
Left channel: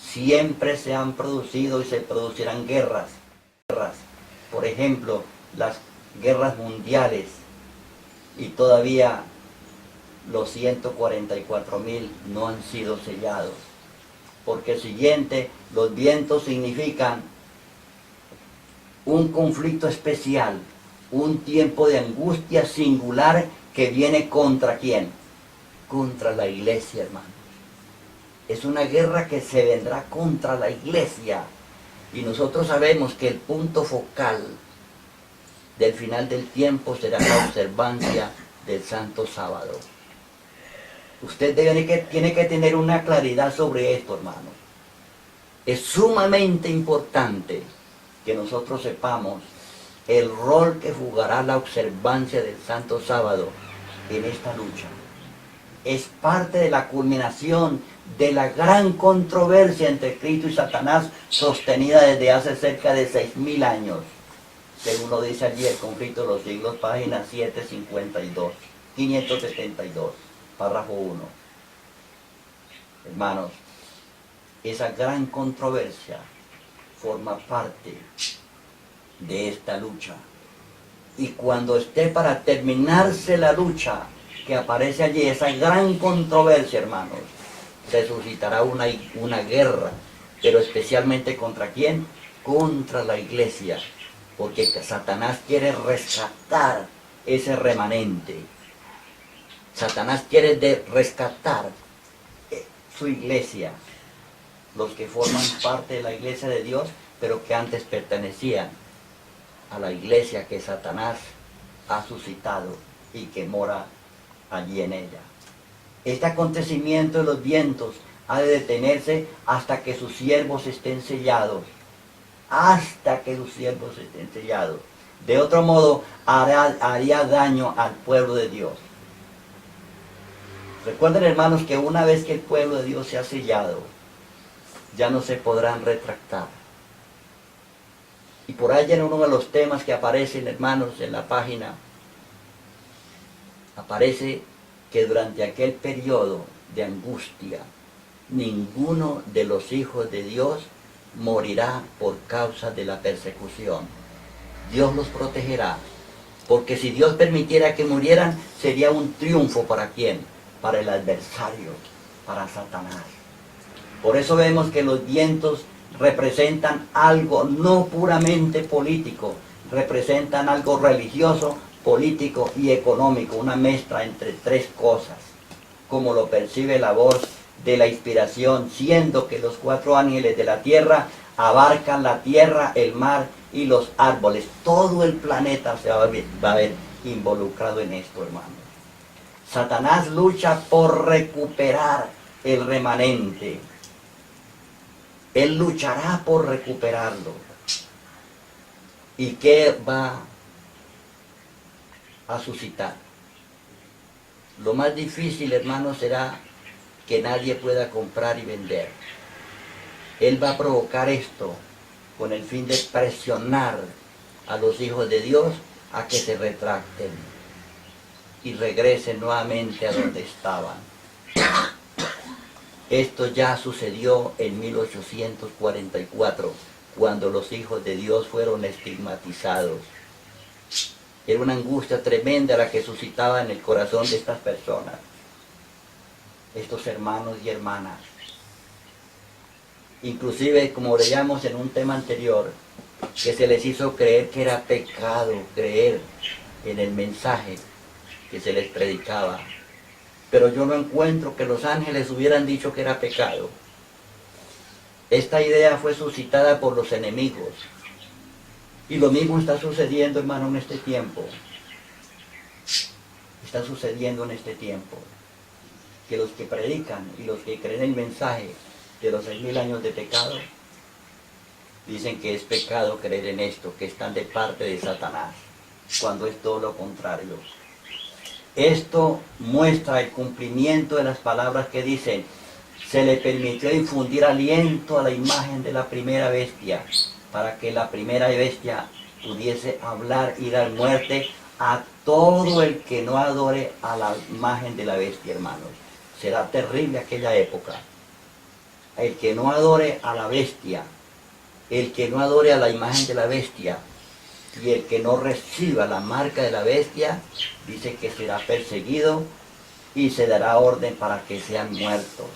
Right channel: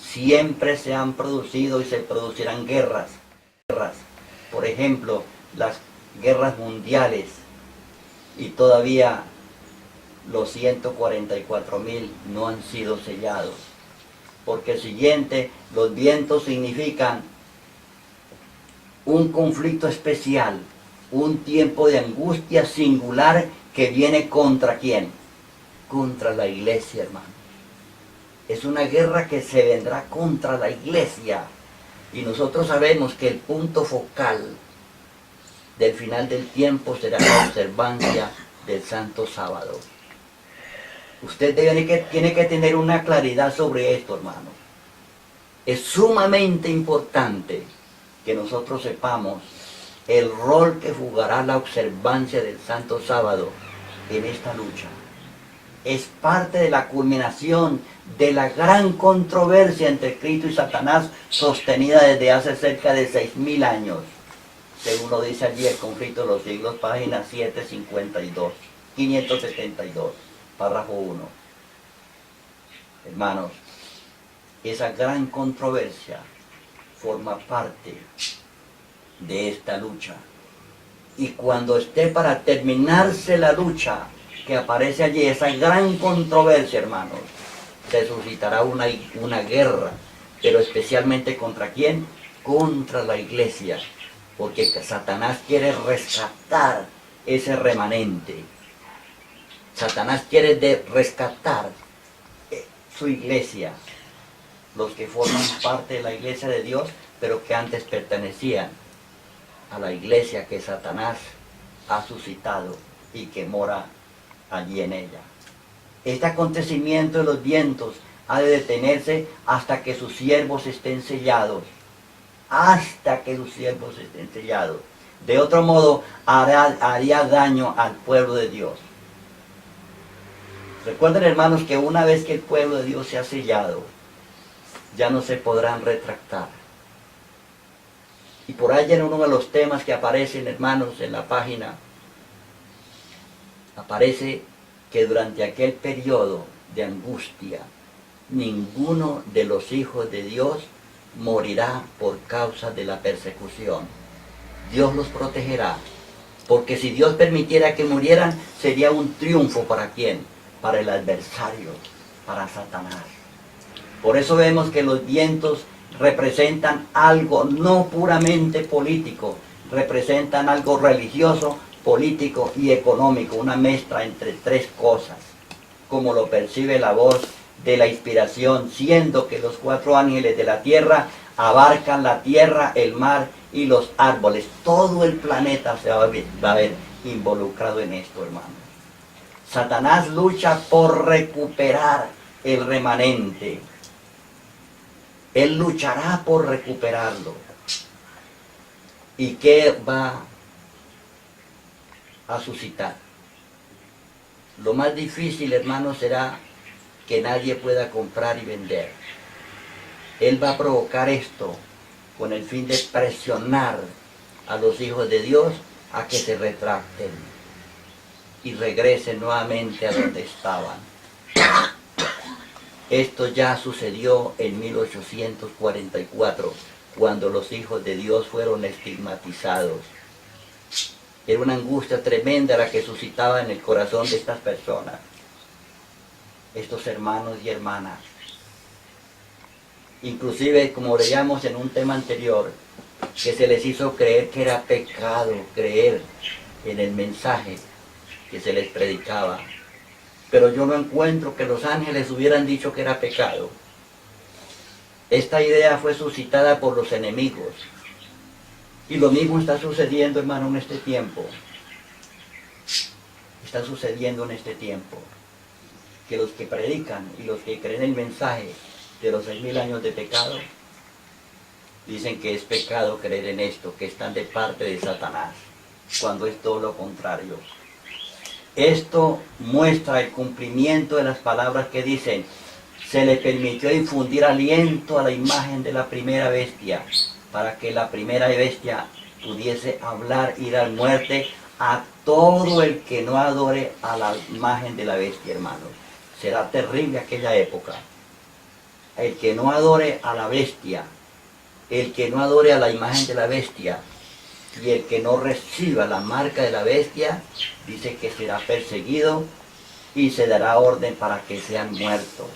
siempre se han producido y se producirán guerras. Por ejemplo, las guerras mundiales, y todavía los 144.000 no han sido sellados. Porque el siguiente, los vientos significan un conflicto especial, un tiempo de angustia singular que viene ¿contra quién? Contra la iglesia, hermanos. Es una guerra que se vendrá contra la iglesia. Y nosotros sabemos que el punto focal del final del tiempo será la observancia del Santo Sábado. Usted tiene que tener una claridad sobre esto, hermano. Es sumamente importante que nosotros sepamos el rol que jugará la observancia del Santo Sábado en esta lucha. Es parte de la culminación de la gran controversia entre Cristo y Satanás, sostenida desde hace cerca de 6.000 años. Según lo dice allí el conflicto de los siglos, página 752, 572, párrafo 1. Hermanos, esa gran controversia forma parte de esta lucha. Y cuando esté para terminarse la lucha, que aparece allí, esa gran controversia, hermanos, se suscitará una guerra, pero especialmente ¿contra quién? Contra la iglesia, porque Satanás quiere rescatar ese remanente. Satanás quiere rescatar su iglesia, los que forman parte de la iglesia de Dios, pero que antes pertenecían a la iglesia que Satanás ha suscitado y que mora allí en ella. Este acontecimiento de los vientos ha de detenerse hasta que sus siervos estén sellados. Hasta que sus siervos estén sellados. De otro modo, haría daño al pueblo de Dios. Recuerden, hermanos, que una vez que el pueblo de Dios se ha sellado, ya no se podrán retractar. Y por ahí en uno de los temas que aparecen, hermanos, en la página, aparece que durante aquel periodo de angustia, ninguno de los hijos de Dios morirá por causa de la persecución. Dios los protegerá, porque si Dios permitiera que murieran, sería un triunfo ¿para quién? Para el adversario, para Satanás. Por eso vemos que los vientos representan algo no puramente político, representan algo religioso, político y económico, una mezcla entre tres cosas, como lo percibe la voz de la inspiración, siendo que los 4 ángeles de la tierra abarcan la tierra, el mar y los árboles. Todo el planeta se va a ver involucrado en esto, hermanos. Satanás lucha por recuperar el remanente. Él luchará por recuperarlo. ¿Y qué va a suscitar? Lo más difícil, hermanos, será que nadie pueda comprar y vender. Él va a provocar esto con el fin de presionar a los hijos de Dios a que se retracten y regresen nuevamente a donde estaban. Esto ya sucedió en 1844, cuando los hijos de Dios fueron estigmatizados. Era una angustia tremenda la que suscitaba en el corazón de estas personas, estos hermanos y hermanas. Inclusive, como leíamos en un tema anterior, que se les hizo creer que era pecado creer en el mensaje que se les predicaba. Pero yo no encuentro que los ángeles hubieran dicho que era pecado. Esta idea fue suscitada por los enemigos. Y lo mismo está sucediendo, hermano, en este tiempo. Está sucediendo en este tiempo. Que los que predican y los que creen el mensaje de los 6.000 años de pecado, dicen que es pecado creer en esto, que están de parte de Satanás, cuando es todo lo contrario. Esto muestra el cumplimiento de las palabras que dicen: se le permitió infundir aliento a la imagen de la primera bestia, para que la primera bestia pudiese hablar y dar muerte a todo el que no adore a la imagen de la bestia, hermanos. Será terrible aquella época. el que no adore a la bestia, el que no adore a la imagen de la bestia, y el que no reciba la marca de la bestia, dice que será perseguido y se dará orden para que sean muertos.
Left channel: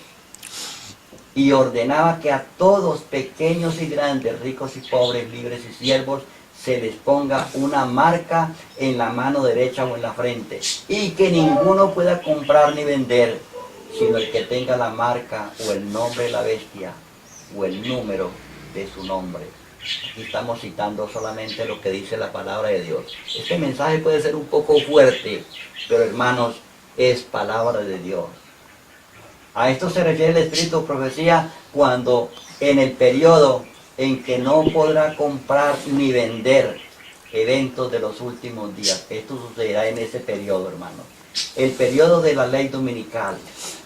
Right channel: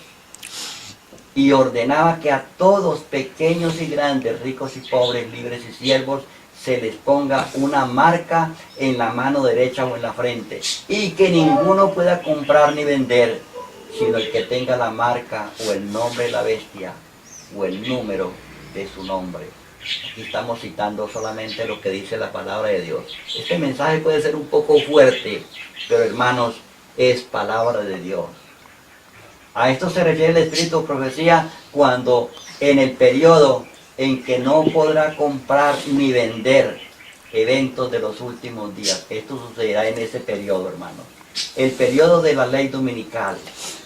Y ordenaba que a todos, pequeños y grandes, ricos y pobres, libres y siervos, se les ponga una marca en la mano derecha o en la frente, y que ninguno pueda comprar ni vender, sino el que tenga la marca o el nombre de la bestia o el número de su nombre. Aquí estamos citando solamente lo que dice la palabra de Dios. Este mensaje puede ser un poco fuerte, pero hermanos, es palabra de Dios. A esto se refiere el espíritu de profecía cuando en el periodo en que no podrá comprar ni vender, eventos de los últimos días. Esto sucederá en ese periodo, hermanos. El periodo de la ley dominical,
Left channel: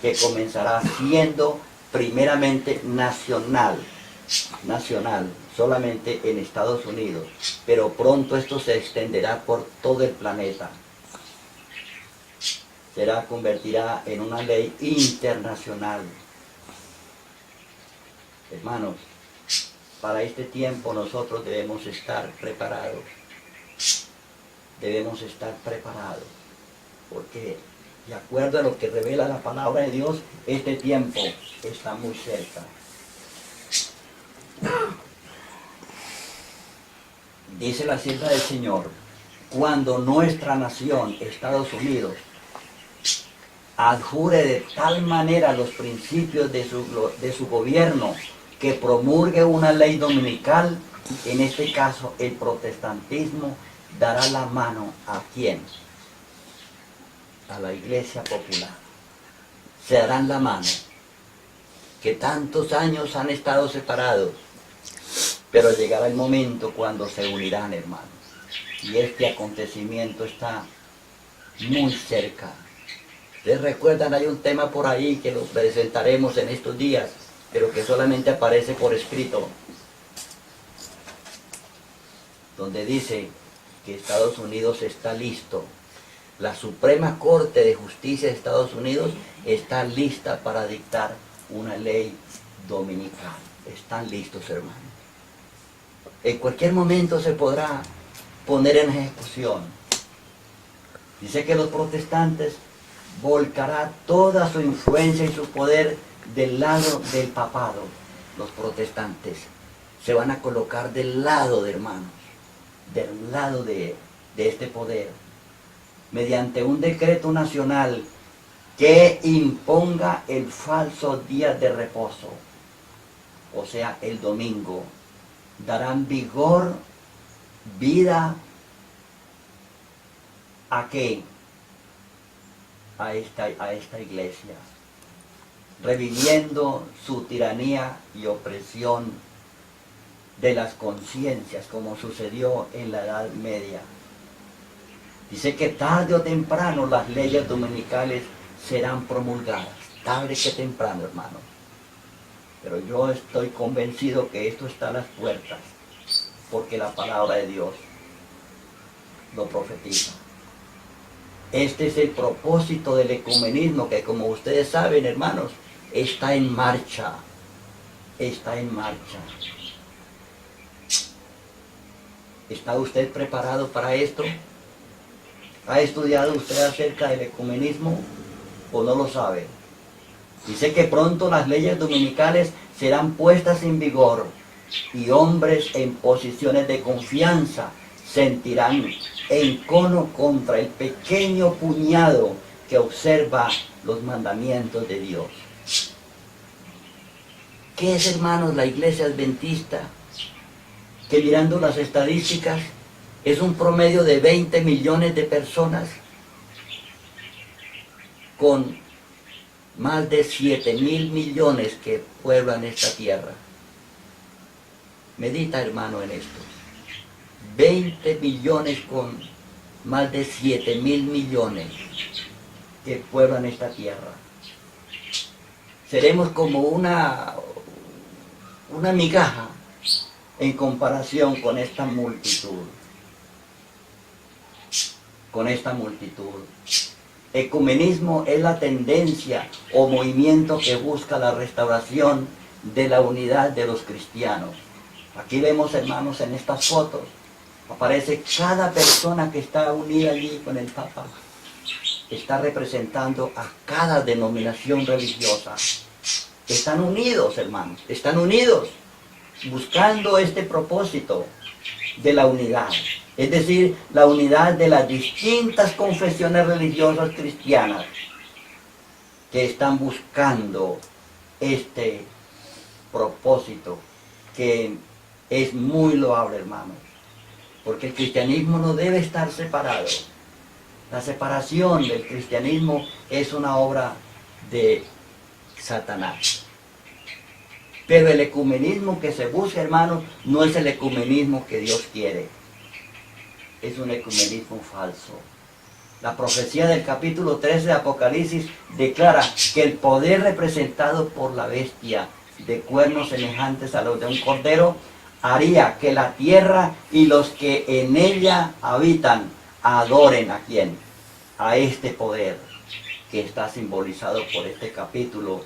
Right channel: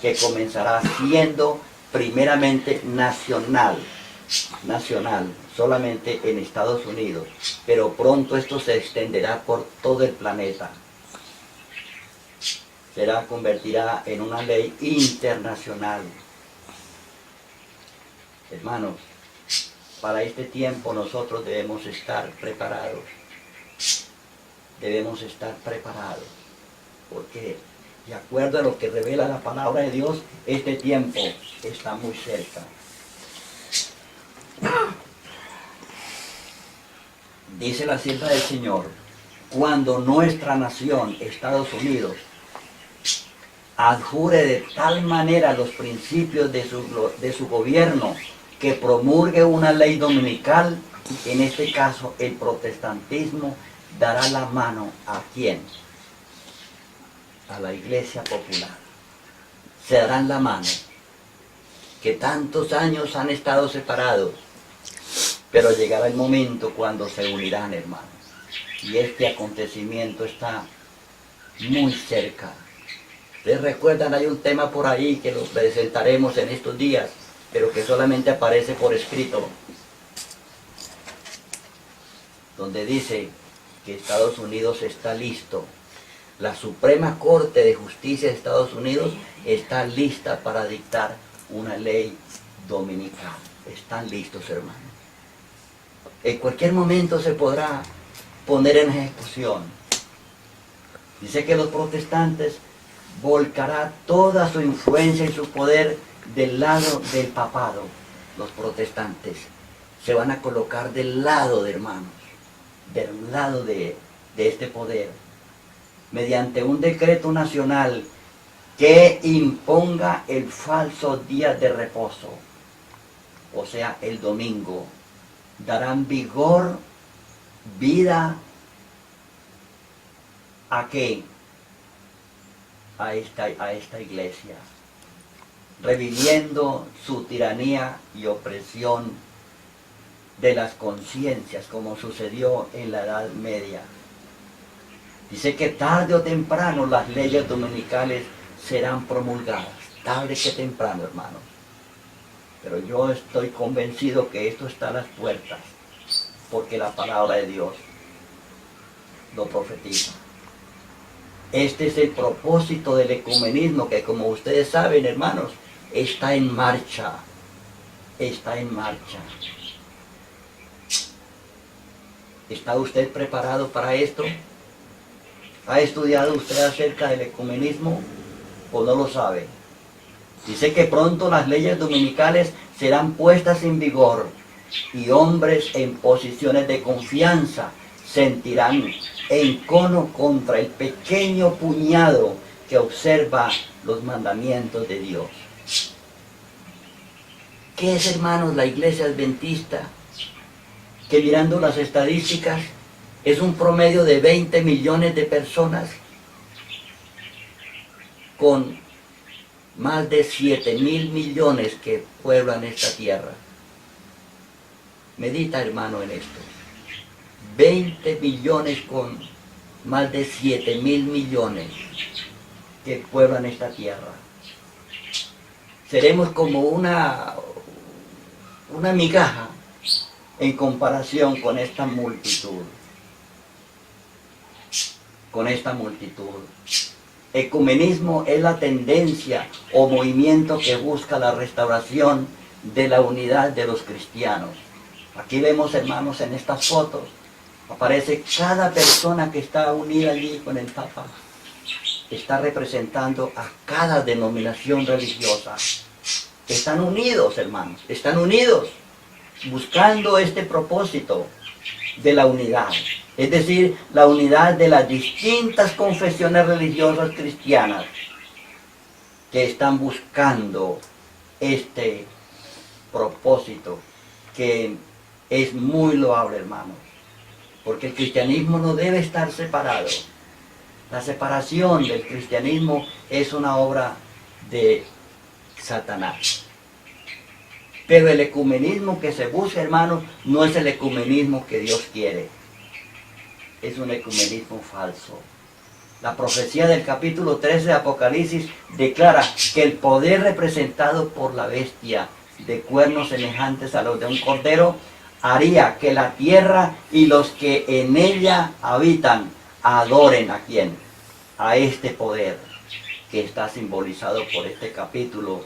que comenzará siendo primeramente nacional, solamente en Estados Unidos, pero pronto esto se extenderá por todo el planeta. Convertirá en una ley internacional. Hermanos, para este tiempo nosotros debemos estar preparados. Debemos estar preparados, porque de acuerdo a lo que revela la palabra de Dios, este tiempo está muy cerca. Dice la sierva del Señor, cuando nuestra nación, Estados Unidos, adjure de tal manera los principios de su gobierno, que promulgue una ley dominical, en este caso el protestantismo dará la mano ¿a quién? A la iglesia popular. Se darán la mano, que tantos años han estado separados, pero llegará el momento cuando se unirán, hermanos. Y este acontecimiento está muy cerca. ¿Ustedes recuerdan? Hay un tema por ahí que lo presentaremos en estos días, pero que solamente aparece por escrito, donde dice que Estados Unidos está listo. La Suprema Corte de Justicia de Estados Unidos está lista para dictar una ley dominical. Están listos, hermanos. En cualquier momento se podrá poner en ejecución. Dice que los protestantes volcará toda su influencia y su poder del lado del papado. Los protestantes se van a colocar del lado de hermanos, del lado de este poder, mediante un decreto nacional que imponga el falso día de reposo, o sea, el domingo. Darán vigor, vida, ¿a qué? A esta iglesia, reviviendo su tiranía y opresión de las conciencias, como sucedió en la Edad Media. Dice que tarde o temprano las leyes dominicales serán promulgadas, tarde que temprano, hermanos. Pero yo estoy convencido que esto está a las puertas, porque la palabra de Dios lo profetiza. Este es el propósito del ecumenismo, que como ustedes saben, hermanos, está en marcha. Está en marcha. ¿Está usted preparado para esto? ¿Ha estudiado usted acerca del ecumenismo o no lo sabe? Dice que pronto las leyes dominicales serán puestas en vigor y hombres en posiciones de confianza sentirán encono contra el pequeño puñado que observa los mandamientos de Dios. ¿Qué es, hermanos, la iglesia adventista? Que mirando las estadísticas es un promedio de 20 millones de personas con más de 7.000 millones que pueblan esta tierra. Medita, hermano, en esto. 20 millones con más de 7.000 millones que pueblan esta tierra. Seremos como una migaja en comparación con esta multitud. Con esta multitud. Ecumenismo es la tendencia o movimiento que busca la restauración de la unidad de los cristianos. Aquí vemos, hermanos, en estas fotos, aparece cada persona que está unida allí con el Papa. Está representando a cada denominación religiosa. Están unidos, hermanos, están unidos, buscando este propósito de la unidad. Es decir, la unidad de las distintas confesiones religiosas cristianas que están buscando este propósito que es muy loable, hermanos. Porque el cristianismo no debe estar separado. La separación del cristianismo es una obra de Satanás. Pero el ecumenismo que se busca, hermanos, no es el ecumenismo que Dios quiere. Es un ecumenismo falso. La profecía del capítulo 13 de Apocalipsis declara que el poder representado por la bestia de cuernos semejantes a los de un cordero haría que la tierra y los que en ella habitan adoren ¿a quién? A este poder que está simbolizado por este capítulo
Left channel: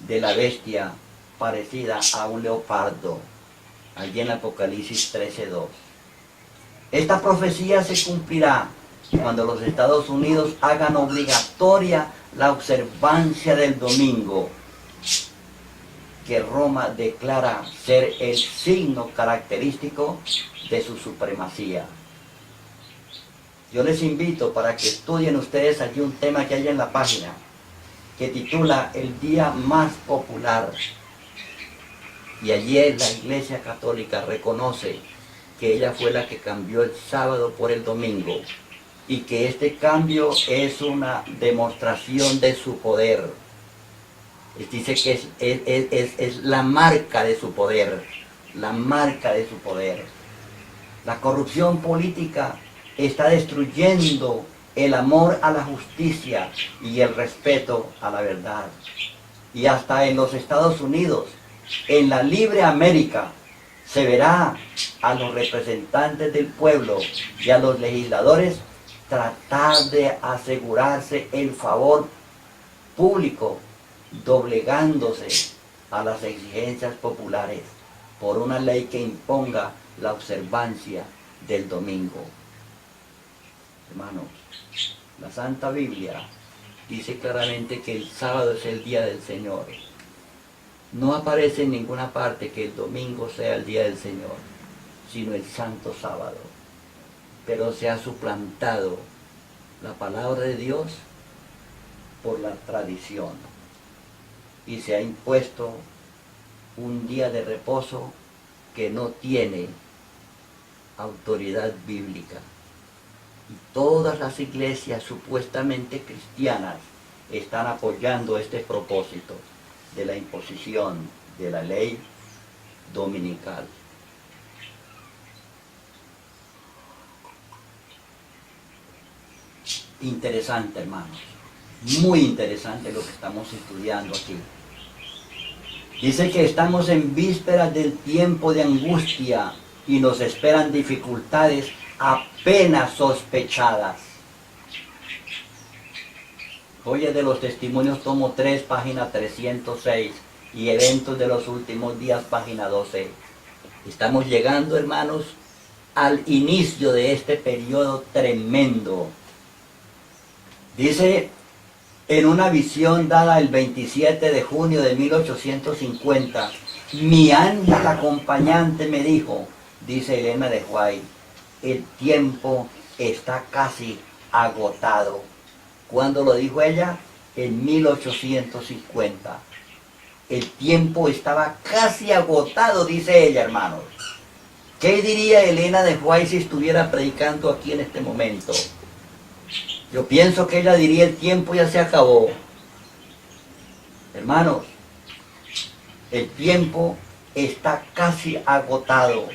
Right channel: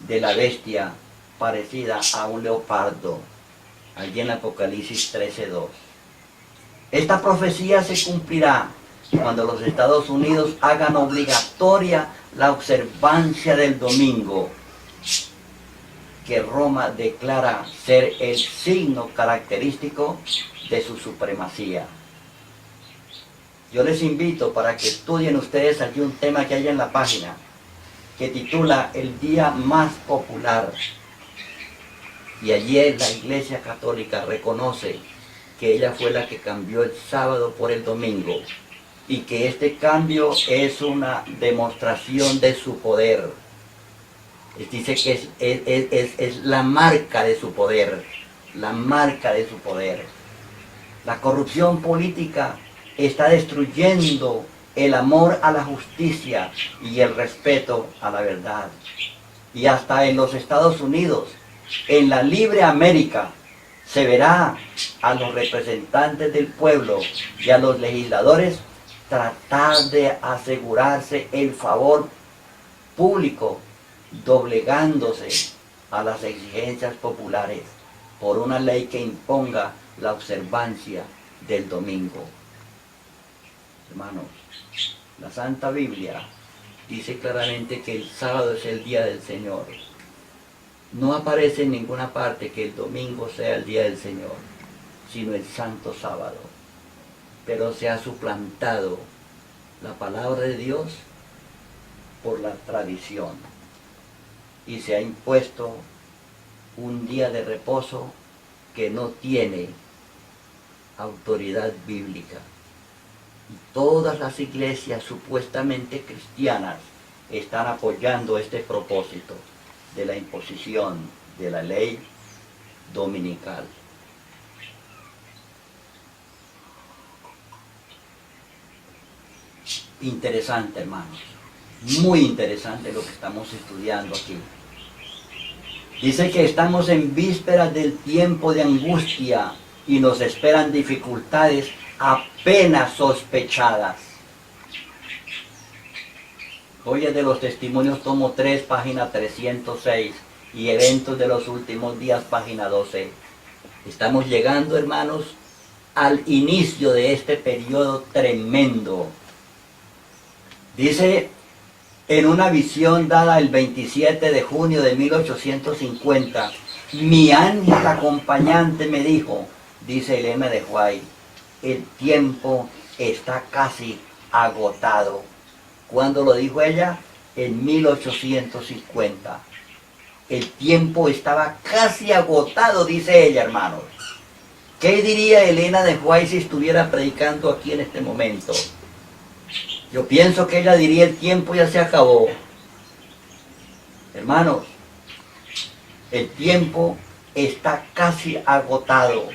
de la bestia parecida a un leopardo, allí en Apocalipsis 13:2. Esta profecía se cumplirá cuando los Estados Unidos hagan obligatoria la observancia del domingo, que Roma declara ser el signo característico de su supremacía. Yo les invito para que estudien ustedes aquí un tema que hay en la página, que titula El día más popular. Y allí la Iglesia Católica reconoce que ella fue la que cambió el sábado por el domingo, y que este cambio es una demostración de su poder. Dice que es la marca de su poder, la marca de su poder. La corrupción política está destruyendo el amor a la justicia y el respeto a la verdad. Y hasta en los Estados Unidos, en la libre América, se verá a los representantes del pueblo y a los legisladores tratar de asegurarse el favor público, doblegándose a las exigencias populares por una ley que imponga la observancia del domingo. Hermanos, la Santa Biblia dice claramente que el sábado es el día del Señor. No aparece en ninguna parte que el domingo sea el día del Señor, sino el santo sábado. Pero se ha suplantado la palabra de Dios por la tradición y se ha impuesto un día de reposo que no tiene autoridad bíblica. Y todas las iglesias supuestamente cristianas están apoyando este propósito de la imposición de la ley dominical. Interesante, hermanos, muy interesante lo que estamos estudiando aquí. Dice que estamos en vísperas del tiempo de angustia y nos esperan dificultades apenas sospechadas. Joyas de los Testimonios, tomo 3, página 306, y Eventos de los Últimos Días, página 12. Estamos llegando, hermanos, al inicio de este periodo tremendo. Dice, en una visión dada el 27 de junio de 1850, mi ángel acompañante me dijo, dice Elena de White, el tiempo está casi agotado. ¿Cuándo lo dijo ella? En 1850. El tiempo estaba casi agotado, dice ella, hermanos. ¿Qué diría Elena de White si estuviera predicando aquí en este momento? Yo pienso que ella diría, el tiempo ya se acabó. Hermanos, el tiempo está casi agotado.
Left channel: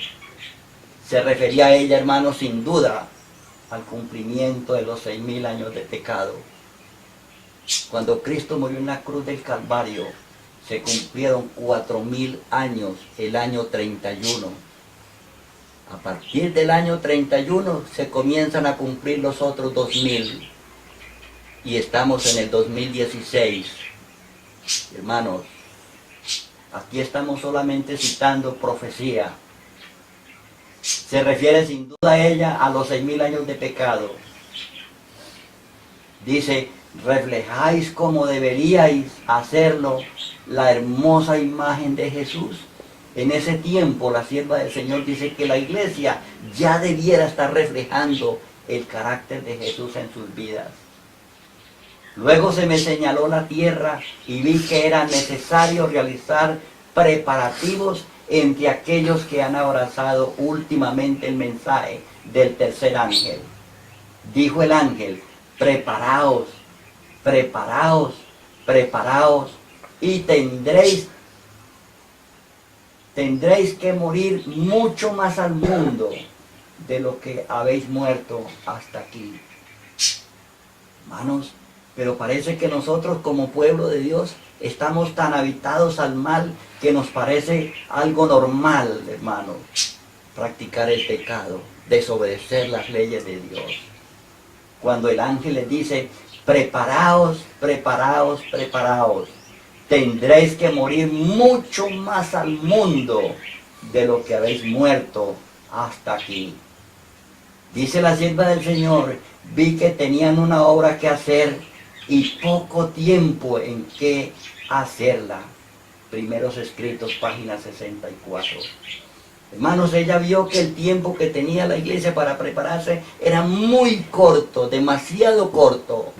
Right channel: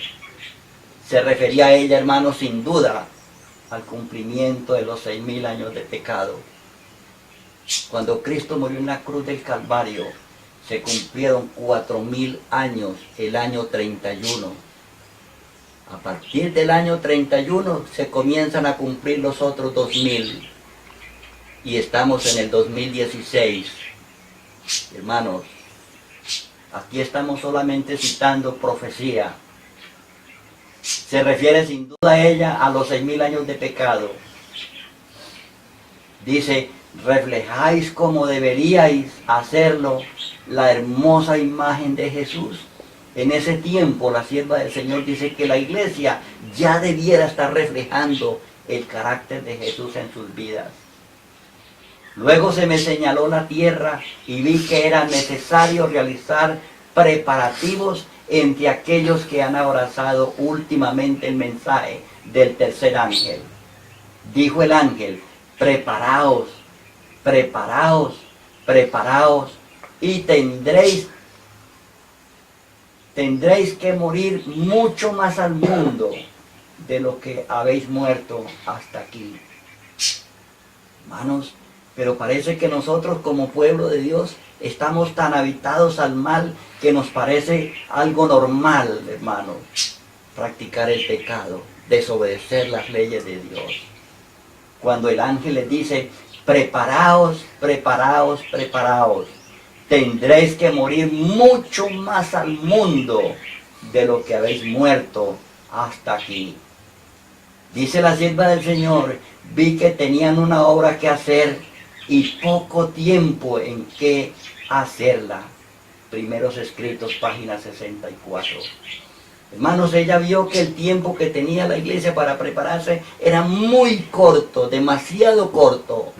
Se refería a ella, hermanos, sin duda, al cumplimiento de los 6,000 años de pecado. Cuando Cristo murió en la cruz del Calvario, se cumplieron 4,000 años, el año 31. A partir del año 31 se comienzan a cumplir los otros 2,000. Y estamos en el 2016. Hermanos, Aquí estamos solamente citando profecía. Se refiere sin duda a ella a los 6.000 años de pecado. Dice, reflejáis como deberíais hacerlo la hermosa imagen de Jesús. En ese tiempo la sierva del Señor dice que la iglesia ya debiera estar reflejando el carácter de Jesús en sus vidas. Luego se me señaló la tierra y vi que era necesario realizar preparativos entre aquellos que han abrazado últimamente el mensaje del tercer ángel. Dijo el ángel, preparaos, preparaos, preparaos, y tendréis que morir mucho más al mundo de lo que habéis muerto hasta aquí. Hermanos, pero parece que nosotros como pueblo de Dios estamos tan habitados al mal que nos parece algo normal, hermanos, practicar el pecado, desobedecer las leyes de Dios. Cuando el ángel les dice, preparaos, preparaos, preparaos, tendréis que morir mucho más al mundo de lo que habéis muerto hasta aquí. Dice la sierva del Señor, vi que tenían una obra que hacer y poco tiempo en que hacerla. Primeros Escritos, página 64. Hermanos, ella vio que el tiempo que tenía la iglesia para prepararse era muy corto, demasiado corto.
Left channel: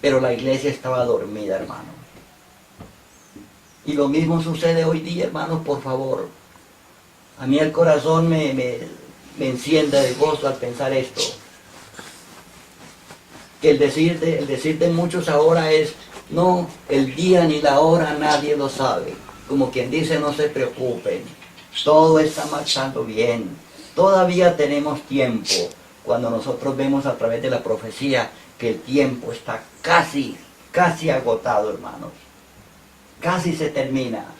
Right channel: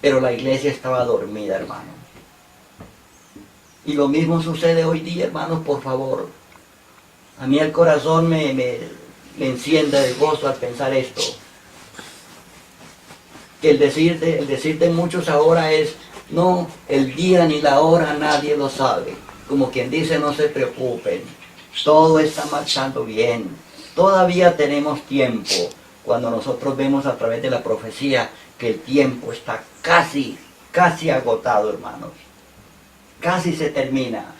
Pero la iglesia estaba dormida, hermano. Y lo mismo sucede hoy día, hermanos, por favor. A mí el corazón me enciende de gozo al pensar esto. Que el decir de muchos ahora es, no, el día ni la hora nadie lo sabe. Como quien dice, no se preocupen. Todo está marchando bien. Todavía tenemos tiempo. Cuando nosotros vemos a través de la profecía que el tiempo está casi agotado, hermanos. Casi se termina.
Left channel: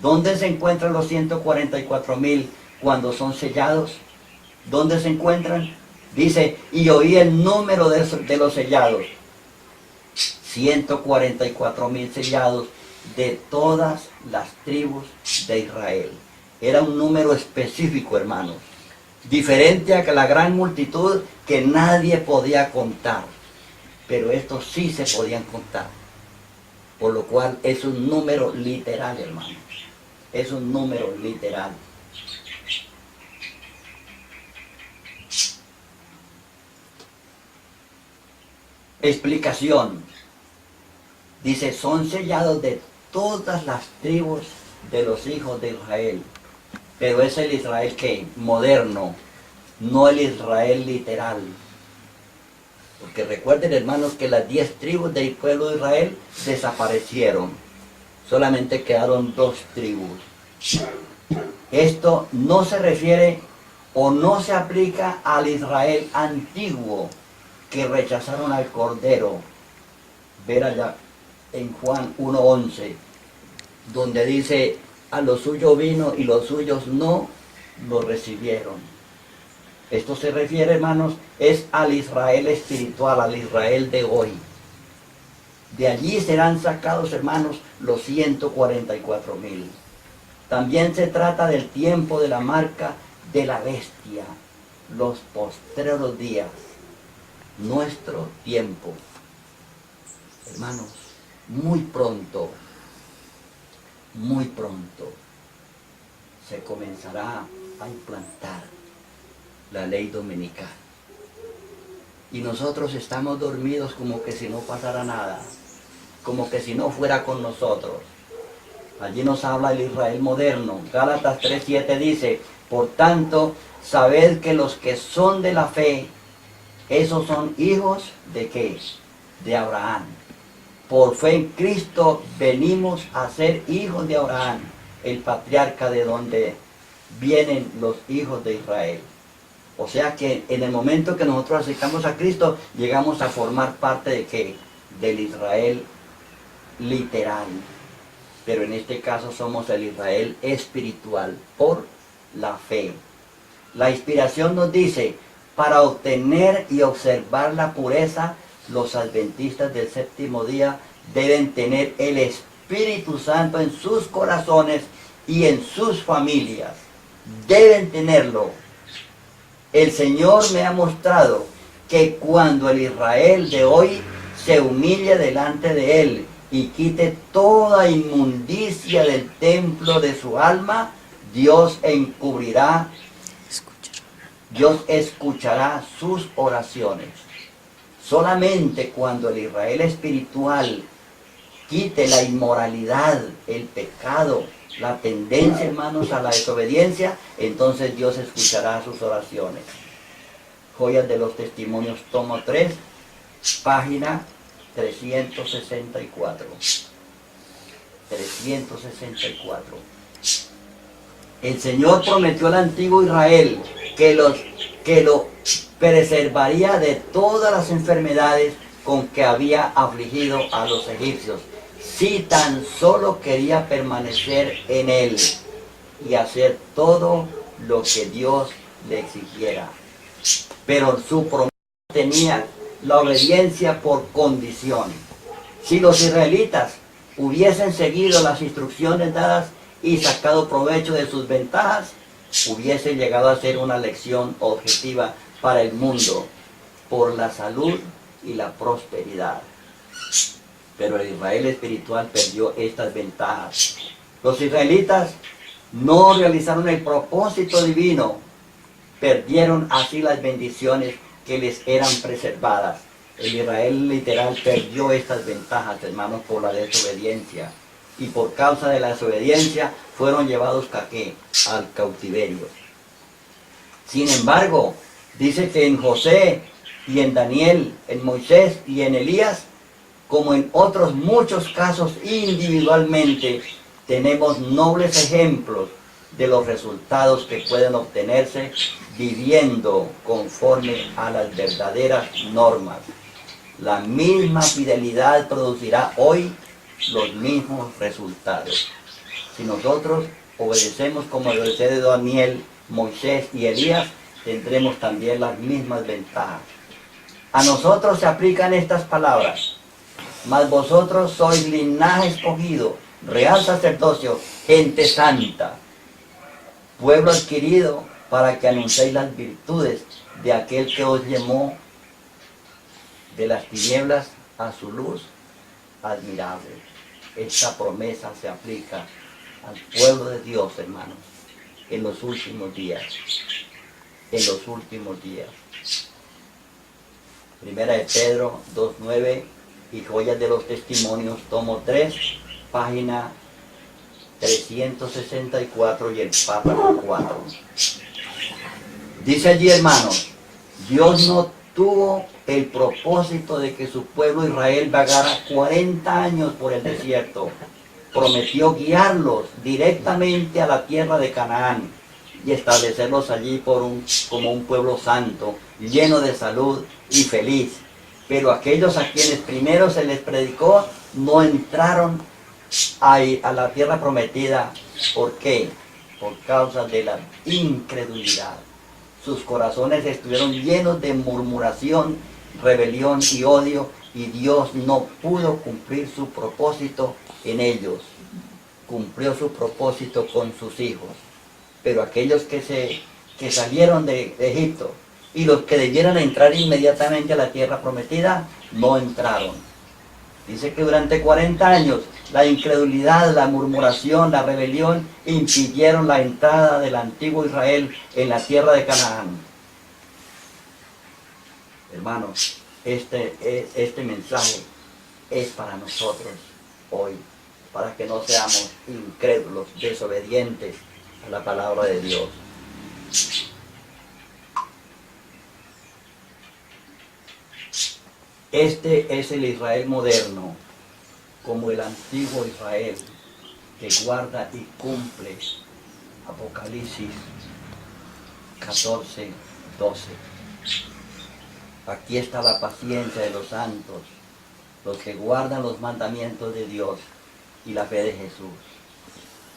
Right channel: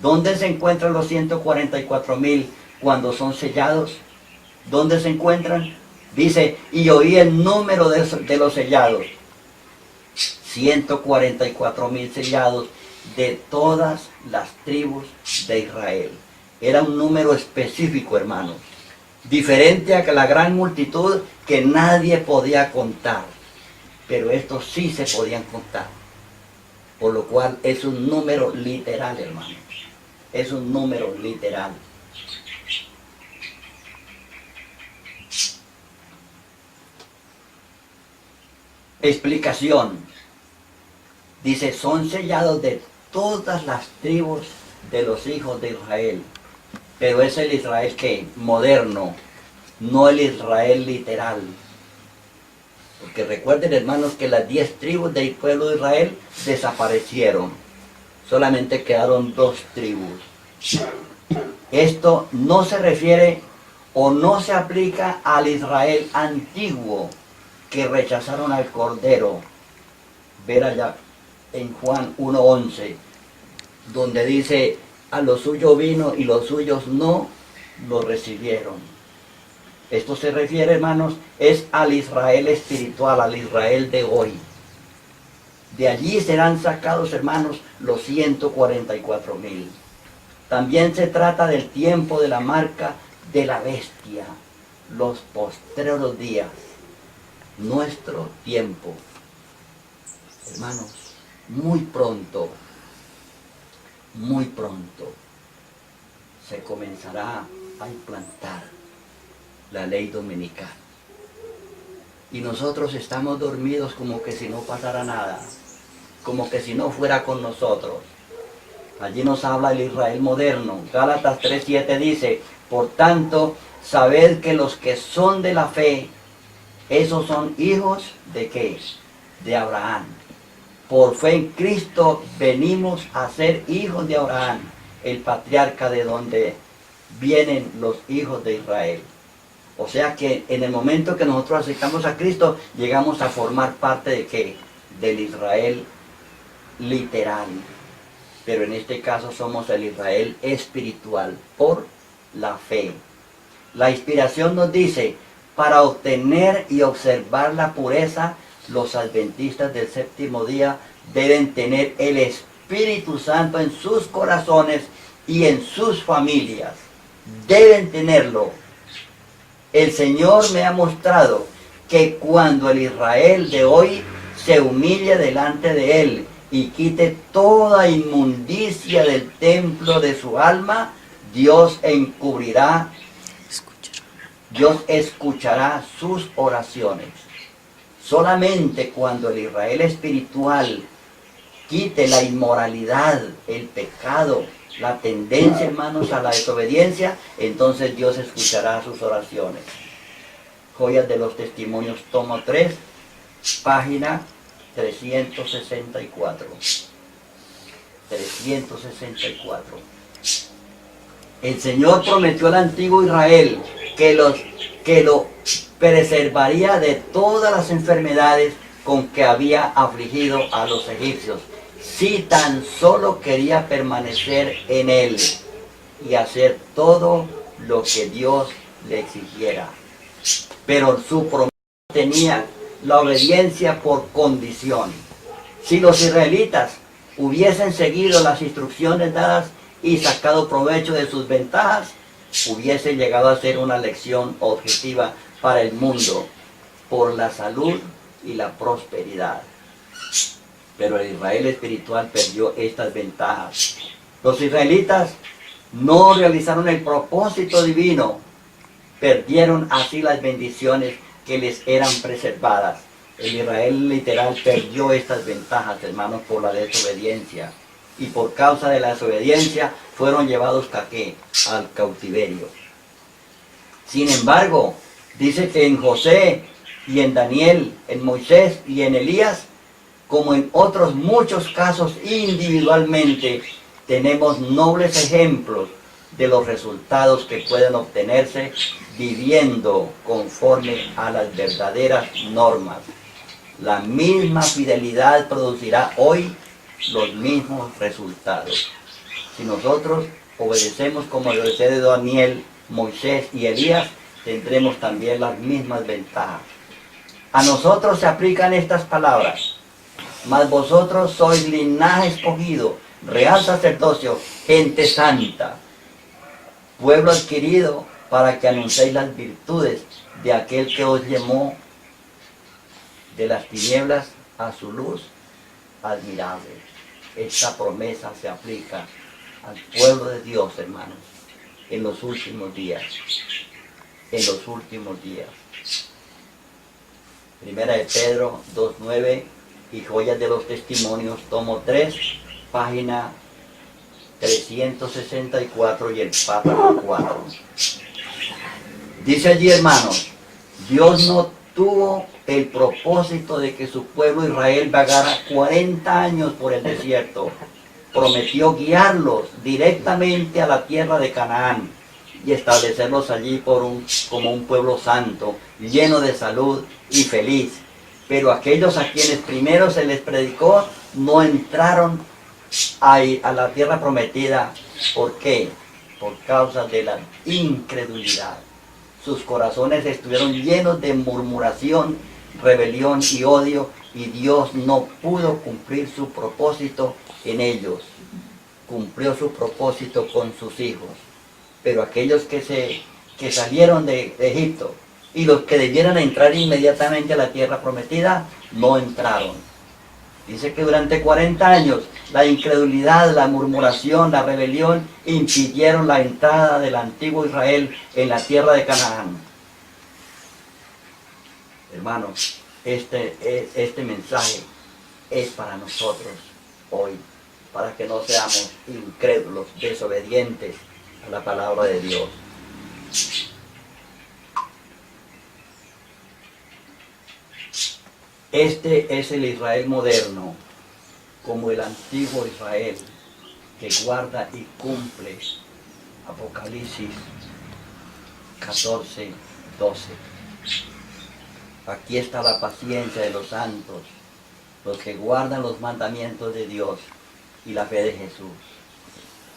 ¿Dónde se encuentran los 144.000 cuando son sellados? ¿Dónde se encuentran? Dice, y oí el número de los sellados. 144.000 sellados de todas las tribus de Israel. Era un número específico, hermanos. Diferente a la gran multitud que nadie podía contar. Pero estos sí se podían contar. Por lo cual es un número literal, hermanos. Es un número literal. Explicación. Dice, son sellados de todas las tribus de los hijos de Israel. Pero es el Israel que moderno, no el Israel literal. Porque recuerden, hermanos, que las 10 tribus del pueblo de Israel desaparecieron. Solamente quedaron 2 tribus. Esto no se refiere o no se aplica al Israel antiguo que rechazaron al Cordero. Ver allá en Juan 1:11, donde dice, a lo suyo vino y los suyos no lo recibieron. Esto se refiere, hermanos, es al Israel espiritual, al Israel de hoy. De allí serán sacados, hermanos, los 144.000. También se trata del tiempo de la marca de la bestia, los postreros días, nuestro tiempo. Hermanos, muy pronto se comenzará a implantar la ley dominical. Y nosotros estamos dormidos como que si no pasara nada, como que si no fuera con nosotros. Allí nos habla el Israel moderno. Gálatas 3:7 dice, por tanto, sabed que los que son de la fe, esos son hijos ¿de qué? De Abraham. Por fe en Cristo venimos a ser hijos de Abraham, el patriarca de donde vienen los hijos de Israel. O sea que en el momento que nosotros aceptamos a Cristo, llegamos a formar parte ¿de qué? Del Israel literal. Pero en este caso somos el Israel espiritual, por la fe. La inspiración nos dice, para obtener y observar la pureza, los adventistas del séptimo día deben tener el espíritu Espíritu Santo en sus corazones y en sus familias. Deben tenerlo. El Señor me ha mostrado que cuando el Israel de hoy se humille delante de Él y quite toda inmundicia del templo de su alma, Dios encubrirá, Dios escuchará sus oraciones. Solamente cuando el Israel espiritual quite la inmoralidad, el pecado, la tendencia, hermanos, a la desobediencia, entonces Dios escuchará sus oraciones. Joyas de los Testimonios, tomo 3, página 364. 364. El Señor prometió al antiguo Israel que lo preservaría de todas las enfermedades con que había afligido a los egipcios, si tan solo quería permanecer en Él y hacer todo lo que Dios le exigiera. Pero su promesa tenía la obediencia por condición. Si los israelitas hubiesen seguido las instrucciones dadas y sacado provecho de sus ventajas, hubiese llegado a ser una lección objetiva para el mundo por la salud y la prosperidad. Pero el Israel espiritual perdió estas ventajas. Los israelitas no realizaron el propósito divino, perdieron así las bendiciones que les eran preservadas. El Israel literal perdió estas ventajas, hermanos, por la desobediencia. Y por causa de la desobediencia fueron llevados ¿a qué? Al cautiverio. Sin embargo, dice que en José y en Daniel, en Moisés y en Elías, como en otros muchos casos individualmente, tenemos nobles ejemplos de los resultados que pueden obtenerse viviendo conforme a las verdaderas normas. La misma fidelidad producirá hoy los mismos resultados. Si nosotros obedecemos como obedecieron Daniel, Moisés y Elías, tendremos también las mismas ventajas. A nosotros se aplican estas palabras: mas vosotros sois linaje escogido, real sacerdocio, gente santa, pueblo adquirido, para que anunciéis las virtudes de aquel que os llamó de las tinieblas a su luz admirable. Esta promesa se aplica al pueblo de Dios, hermanos, en los últimos días. En los últimos días. Primera de Pedro 2:9 y Joyas de los Testimonios, tomo 3, página 364 y el párrafo 4. Dice allí, hermanos, Dios no tuvo el propósito de que su pueblo Israel vagara 40 años por el desierto. Prometió guiarlos directamente a la tierra de Canaán y establecerlos allí como un pueblo santo, lleno de salud y feliz. Pero aquellos a quienes primero se les predicó no entraron a la tierra prometida. ¿Por qué? Por causa de la incredulidad. Sus corazones estuvieron llenos de murmuración, rebelión y odio, y Dios no pudo cumplir su propósito en ellos. Cumplió su propósito con sus hijos. Pero aquellos que salieron de Egipto y los que debieran entrar inmediatamente a la tierra prometida, no entraron. Dice que durante 40 años la incredulidad, la murmuración, la rebelión impidieron la entrada del antiguo Israel en la tierra de Canaán. Hermanos, este mensaje es para nosotros hoy, para que no seamos incrédulos, desobedientes a la palabra de Dios. Este es el Israel moderno, como el antiguo Israel, que guarda y cumple Apocalipsis 14, 12. Aquí está la paciencia de los santos, los que guardan los mandamientos de Dios y la fe de Jesús.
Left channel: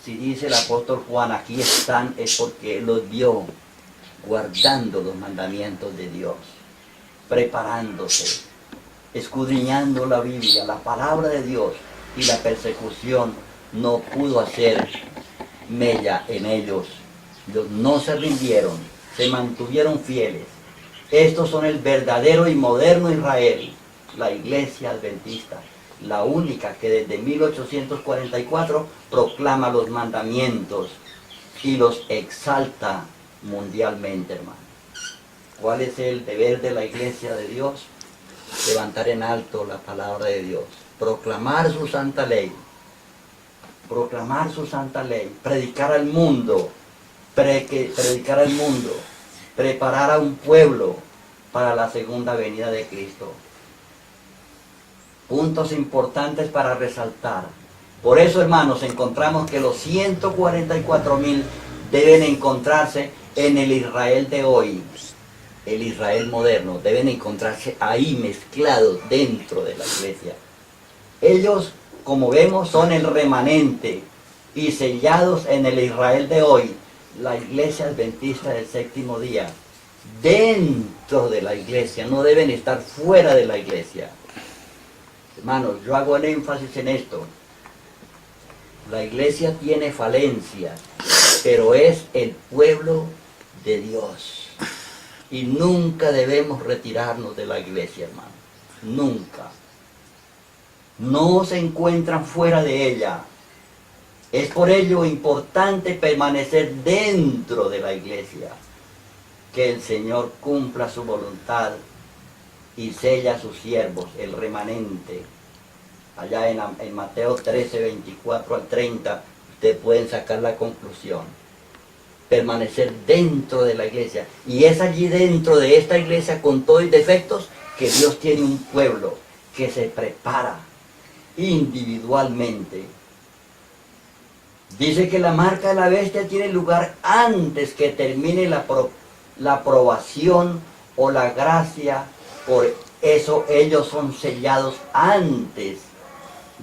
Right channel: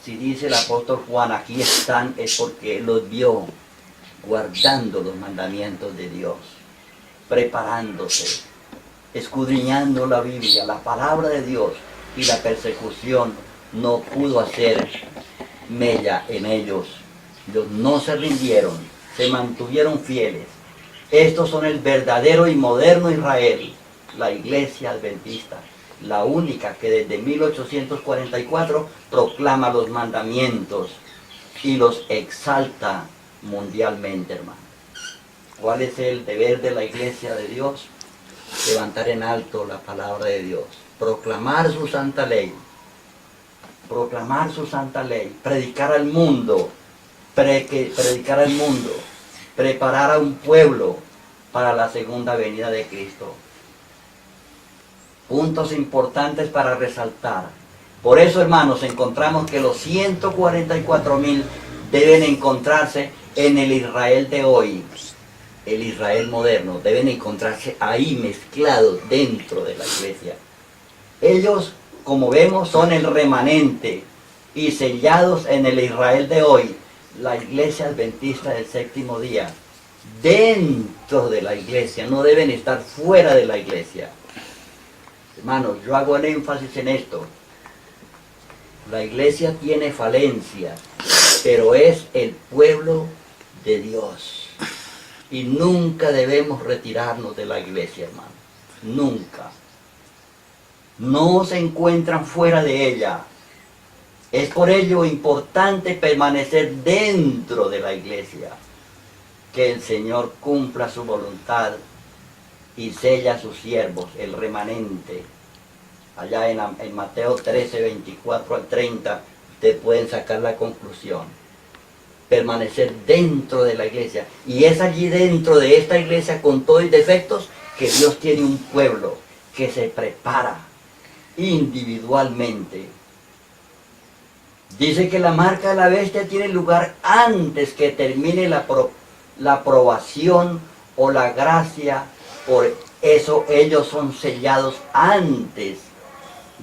Si dice el apóstol Juan, aquí están, es porque él los vio guardando los mandamientos de Dios, preparándose, escudriñando la Biblia, la palabra de Dios, y la persecución no pudo hacer mella en ellos. Ellos no se rindieron, se mantuvieron fieles. Estos son el verdadero y moderno Israel, la iglesia adventista, la única que desde 1844 proclama los mandamientos y los exalta mundialmente, hermano. ¿Cuál es el deber de la iglesia de Dios? Levantar en alto la palabra de Dios, proclamar su santa ley, predicar al mundo, preparar a un pueblo para la segunda venida de Cristo. Puntos importantes para resaltar. Por eso, hermanos, encontramos que los 144,000 deben encontrarse en el Israel de hoy. El Israel moderno, deben encontrarse ahí mezclados dentro de la iglesia. Ellos, como vemos, son el remanente y sellados en el Israel de hoy, la iglesia adventista del séptimo día. Dentro de la iglesia, no deben estar fuera de la iglesia. Hermanos, yo hago el énfasis en esto. La iglesia tiene falencias, pero es el pueblo de Dios. Y nunca debemos retirarnos de la iglesia, hermano. Nunca. No se encuentran fuera de ella. Es por ello importante permanecer dentro de la iglesia. Que el Señor cumpla su voluntad y sella a sus siervos, el remanente. Allá en Mateo 13, 24 al 30, ustedes pueden sacar la conclusión. Permanecer dentro de la iglesia. Y es allí dentro de esta iglesia con todos los defectos que Dios tiene un pueblo que se prepara individualmente. Dice que la marca de la bestia tiene lugar antes que termine la aprobación o la gracia. Por eso ellos son sellados antes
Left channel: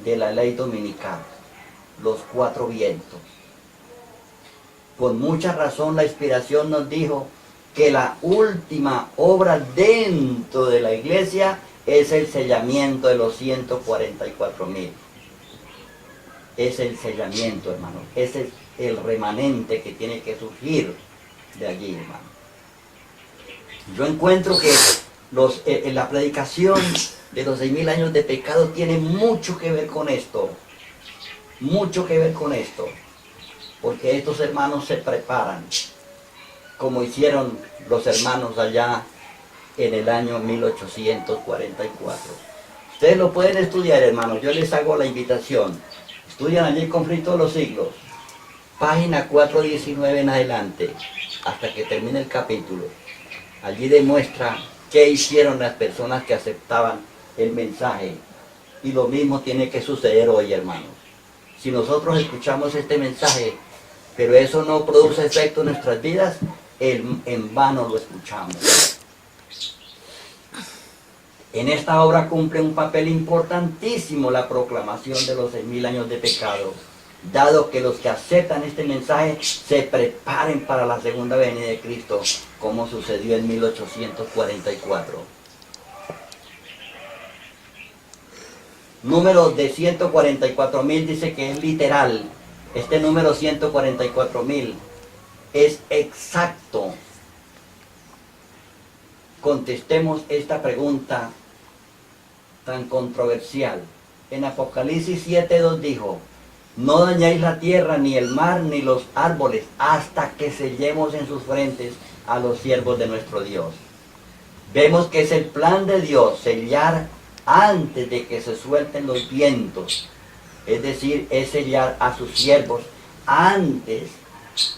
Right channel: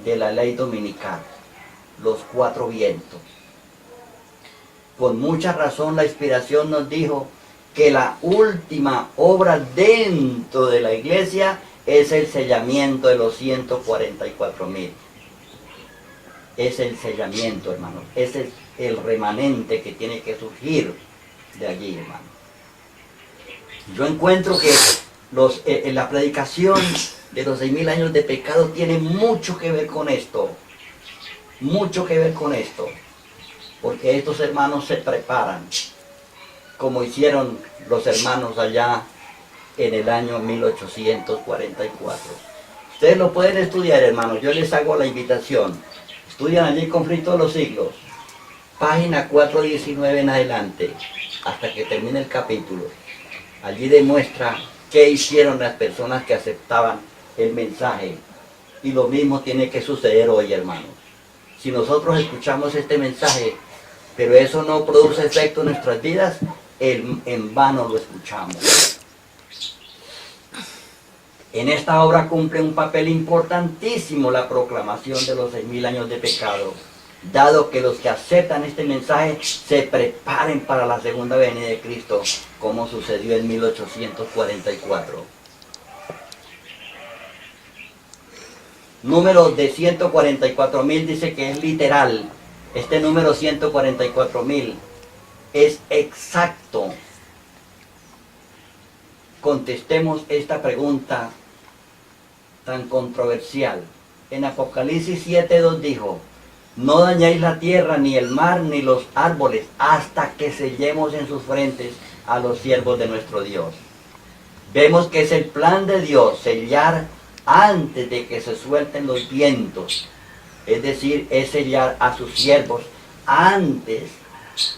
de la ley dominical, los 4 vientos. Con mucha razón la inspiración nos dijo que la última obra dentro de la iglesia es el sellamiento de los 144,000. Es el sellamiento, hermano. Ese es el remanente que tiene que surgir de allí, hermano. Yo encuentro que en la predicación de los 6,000 años de pecado tiene mucho que ver con esto. Mucho que ver con esto. Porque estos hermanos se preparan, como hicieron los hermanos allá en el año 1844. Ustedes lo pueden estudiar, hermanos, yo les hago la invitación. Estudian allí Conflicto de los Siglos, página 419 en adelante, hasta que termine el capítulo. Allí demuestra qué hicieron las personas que aceptaban el mensaje. Y lo mismo tiene que suceder hoy, hermanos. Si nosotros escuchamos este mensaje, pero eso no produce efecto en nuestras vidas, en vano lo escuchamos. En esta obra cumple un papel importantísimo la proclamación de los 6,000 años de pecado, dado que los que aceptan este mensaje se preparen para la segunda venida de Cristo, como sucedió en 1844. Número de 144,000 dice que es literal. Este número 144,000 es exacto. Contestemos esta pregunta tan controversial. En Apocalipsis 7:2 dijo: no dañéis la tierra, ni el mar, ni los árboles, hasta que sellemos en sus frentes a los siervos de nuestro Dios. Vemos que es el plan de Dios sellar antes de que se suelten los vientos. Es decir, es sellar a sus siervos antes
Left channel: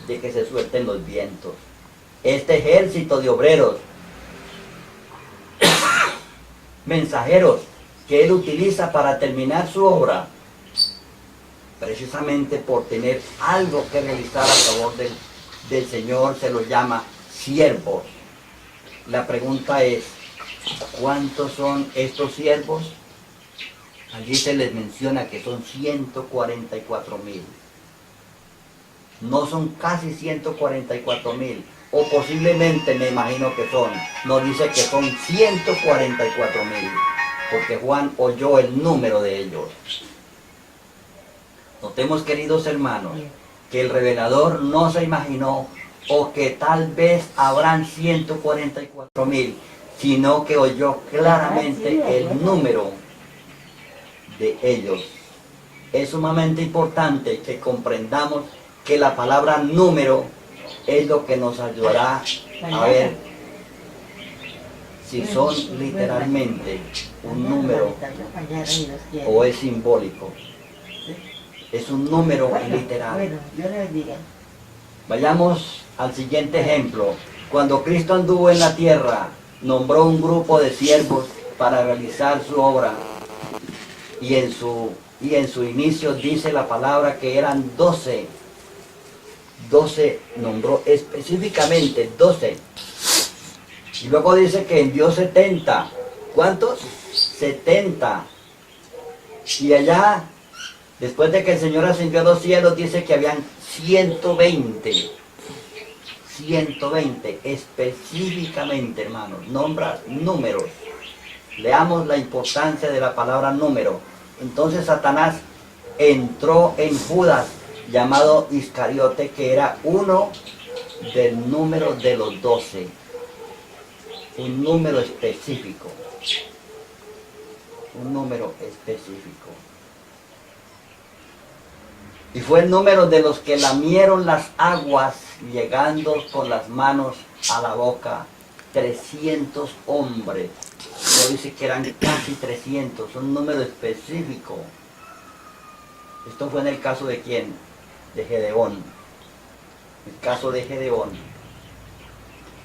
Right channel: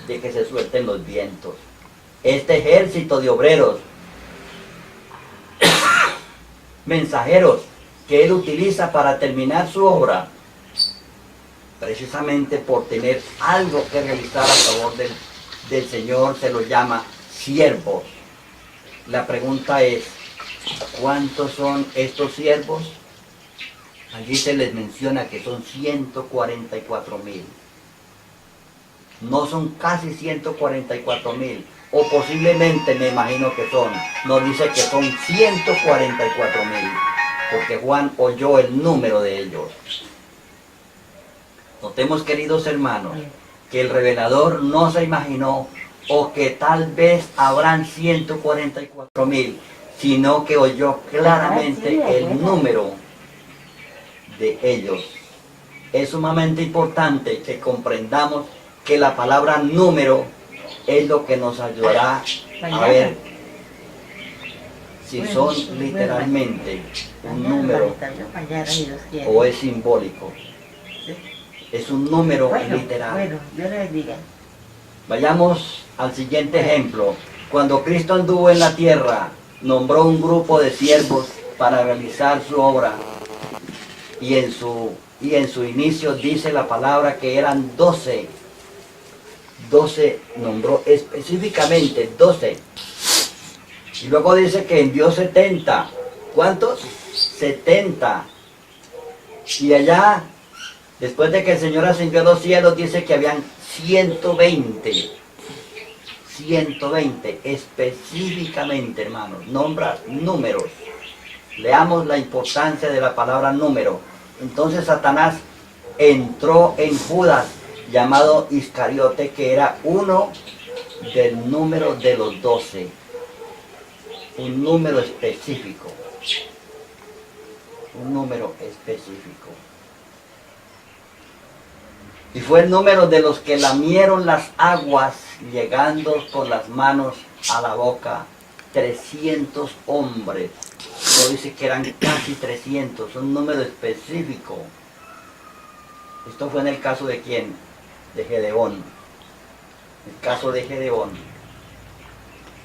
de que se suelten los vientos. Este ejército de obreros, mensajeros, que Él utiliza para terminar su obra, precisamente por tener algo que realizar a favor del Señor, se los llama siervos. La pregunta es, ¿cuántos son estos siervos? Allí se les menciona que son 144,000. No son casi 144,000, o posiblemente me imagino que son. Nos dice que son 144,000, porque Juan oyó el número de ellos. Notemos, queridos hermanos, que el revelador no se imaginó o que tal vez habrán 144.000, sino que oyó claramente el número de ellos. Es sumamente importante que comprendamos que la palabra número es lo que nos ayudará a ver si son literalmente un número o es simbólico. Es un número literal. Vayamos al siguiente ejemplo. Cuando Cristo anduvo en la tierra, nombró un grupo de siervos para realizar su obra. Y en su inicio dice la palabra que eran 12. 12 nombró específicamente 12. Y luego dice que envió 70. ¿Cuántos? 70. Y allá, después de que el Señor ascendió a los cielos, dice que habían 120. 120 específicamente, hermanos. Nombra números. Leamos la importancia de la palabra número. Entonces Satanás entró en Judas, llamado Iscariote, que era uno del número de los 12. Un número específico. Un número específico. Y fue el número de los que lamieron las aguas, llegando con las manos a la boca. 300 hombres. No dice que eran casi 300, un número específico. Esto fue en el caso de ¿quién? De Gedeón. El caso de Gedeón.